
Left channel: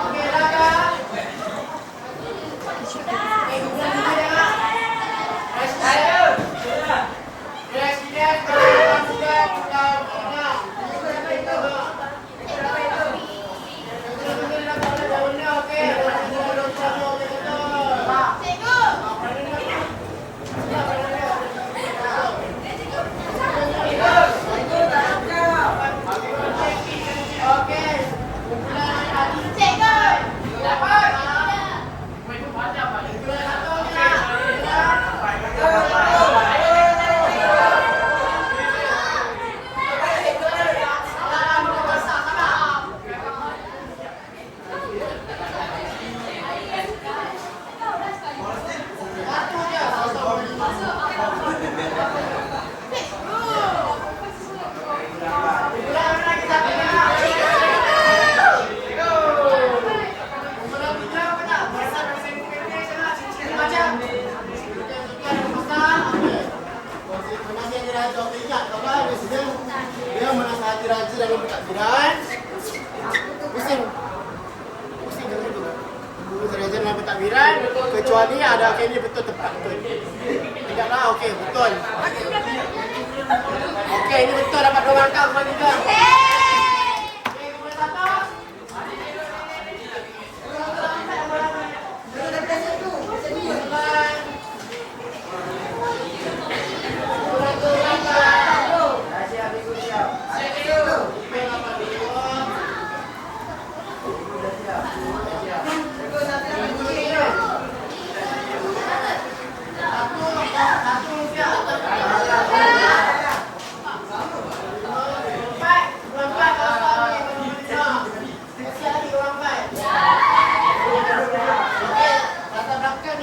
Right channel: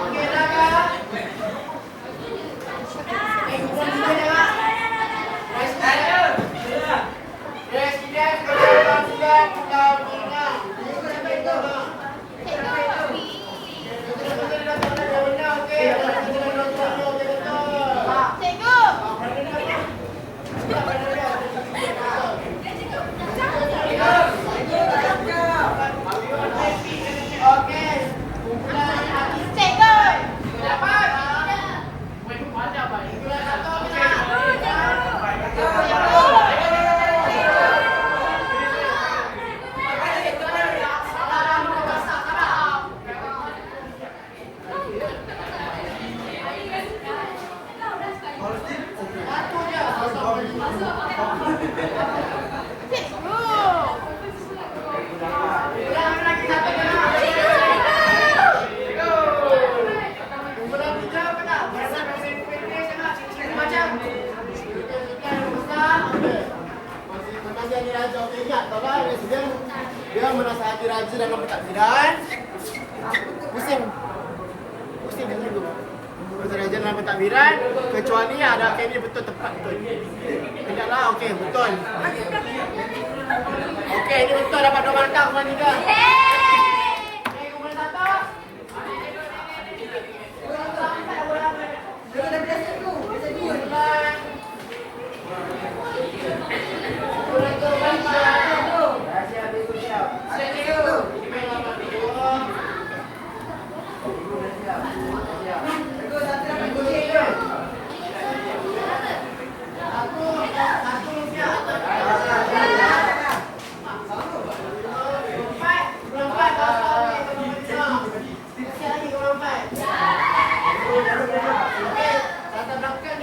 Oke, hati raja dalam pentadbiran. Pusing dulu. Pusing raja dalam pentadbiran. Kecuali ada ini betul tepat betul. Tegaklah, okey betul. Okey, ini betul dapat 2 markah Puan Nida. Okey, nombor 1.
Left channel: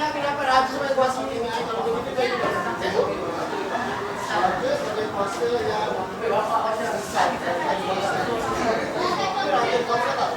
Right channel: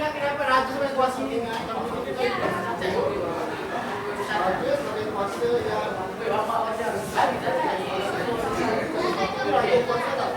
Kenapa raja sampai kuasa ini? Raja sebagai kuasa yang raja kuasa tak?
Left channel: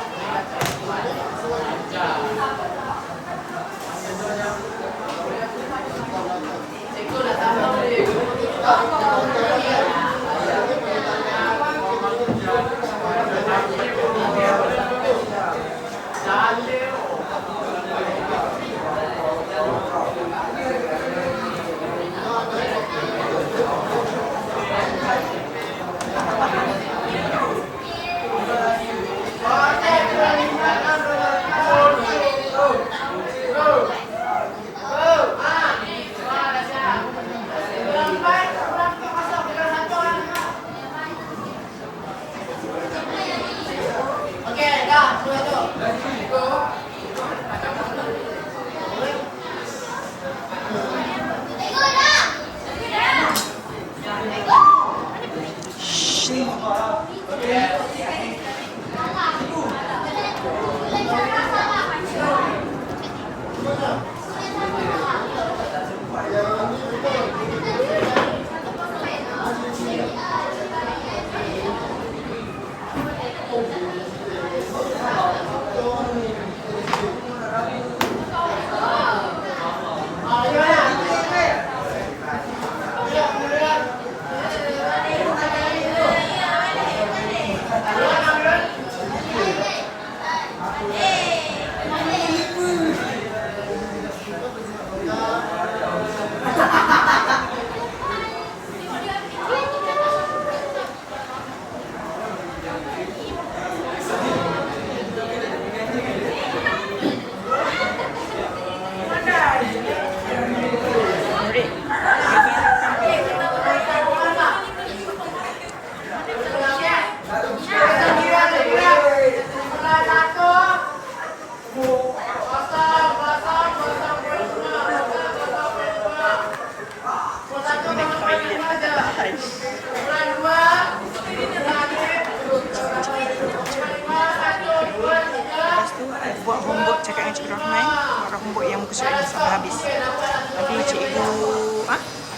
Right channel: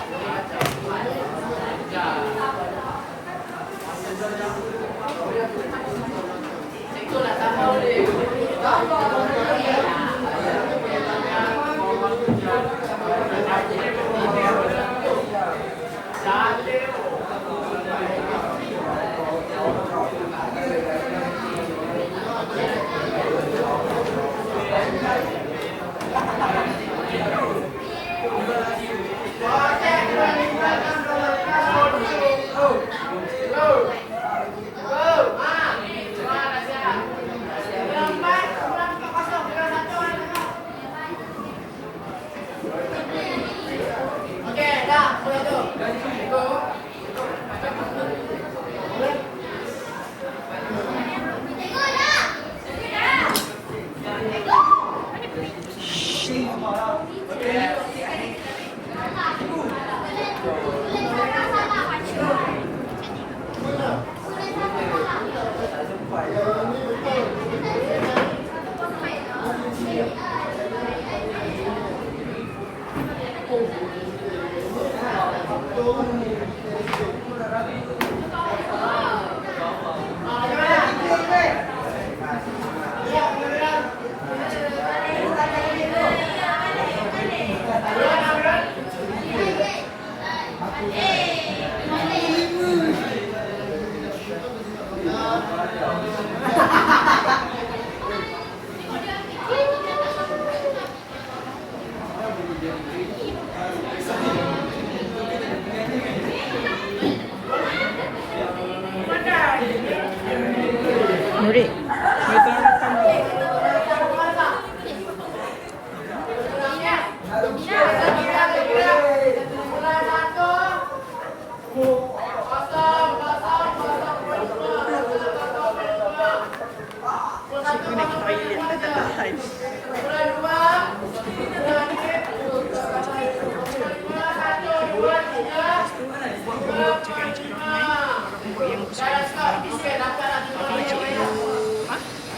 Buat homework cakap dengan Cikgu Rahman. Homework yang muka surat sampai habis. Lepas tu cikgu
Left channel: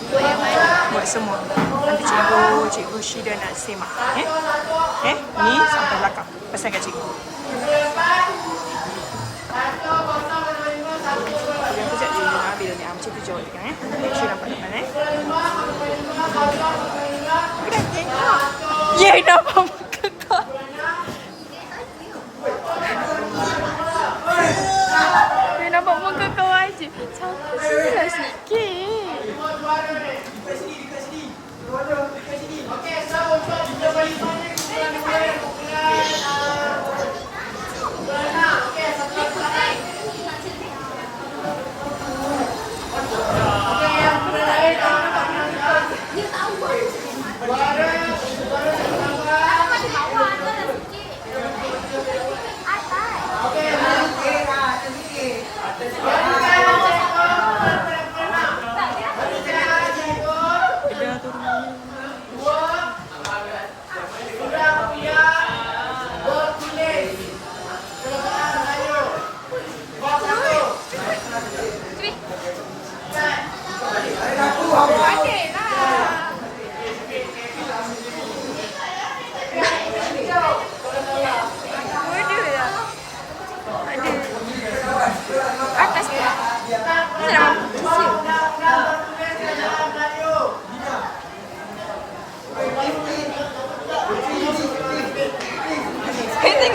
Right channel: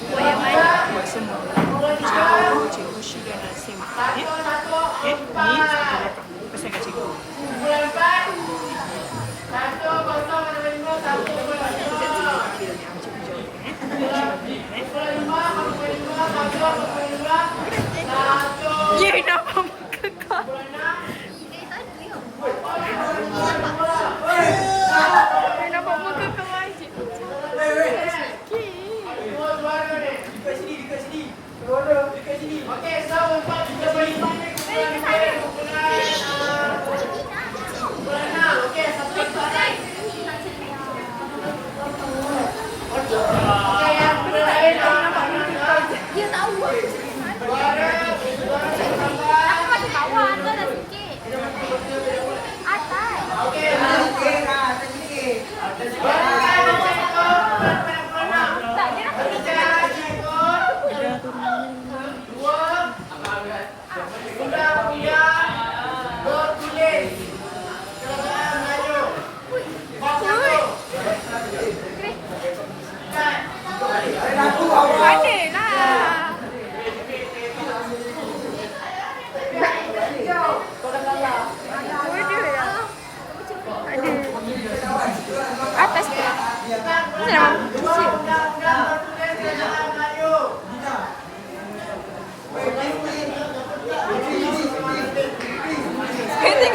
Buat yang mana? buat semua. Cikgu Syida dan Sema. Ni sampai belakang. Pesan kat cikgu. Sekejap cikgu ambil ni. Cikgu jawab. Ya, kenapa muka kau? Nampak muka kau aja. Sabar sikit. Okey, so untuk kita balik okey, satu lagi. Okey, yang lain Dia tahu. suara tambah.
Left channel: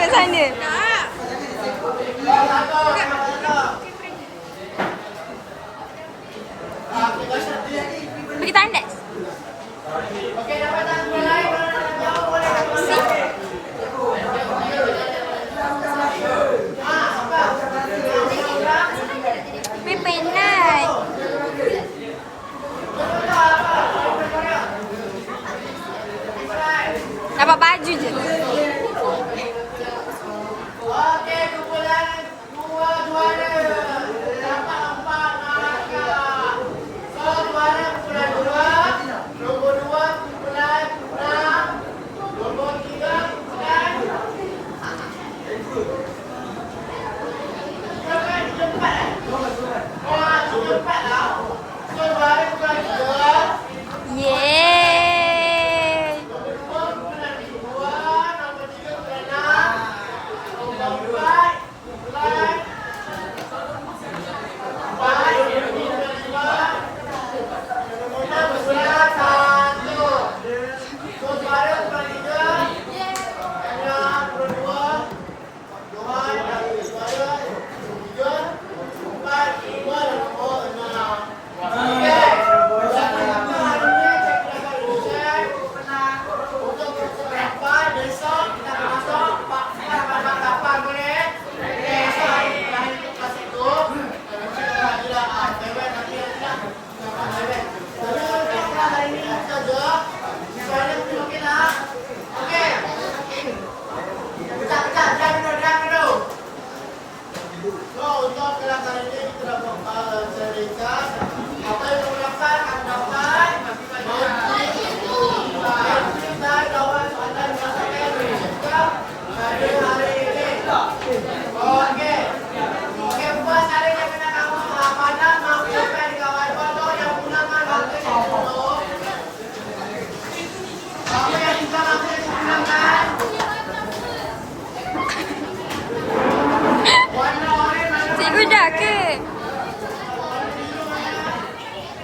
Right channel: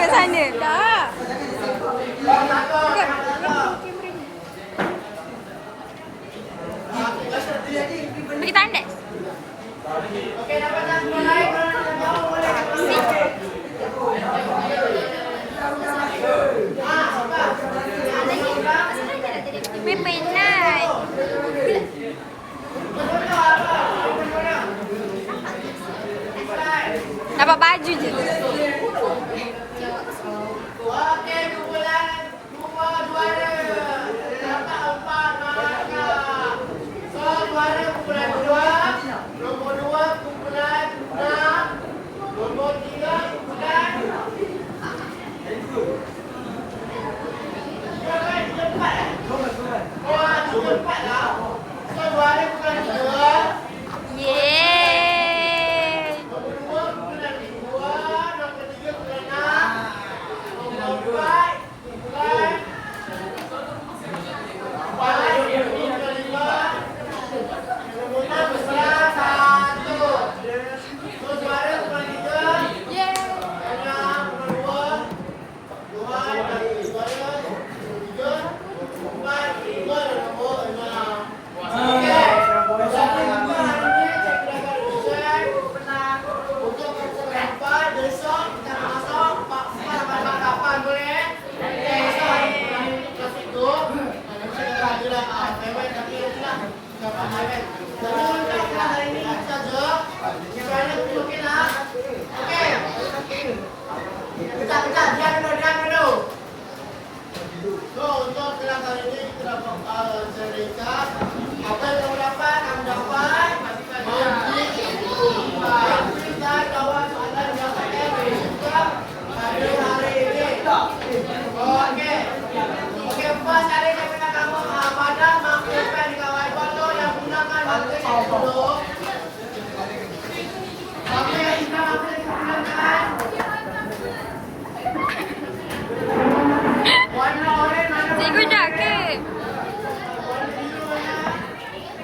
kat sana. Tak. Pergi tandas. Okey, dapat tak mulai? Jauh boleh. Pimpinan. Dapat baju je. Okey, kumpulan dua juara. Dapat 4 markah. So, juara kumpulan 2, nombor 2 kumpulan 6, nombor 3 kumpulan oh, 3, 4 lah. So, juara kumpulan 3. Yeay. Nombor 2 kumpulan 2, nombor 3 kumpulan 6, nombor 4 kumpulan 4, kumpulan 5, nombor 6 kumpulan 1. So, juara kumpulan 3, Dania kumpulan 2, Johan dan juara nombor 3, 4, 5 dan nombor 6. Okey. Berapa lama hari ni cek kelakar Rusian pernah untuk berapa besok kita nak masuk Pak kapan boleh? Okey, so hari ni terakhir untuk kelas itu. Nanti kita lagi lah bebek tapi nanti lah dapat bebek. Jadi untuk kelas hari ni saja. Supaya nanti mungkin lah. Okey.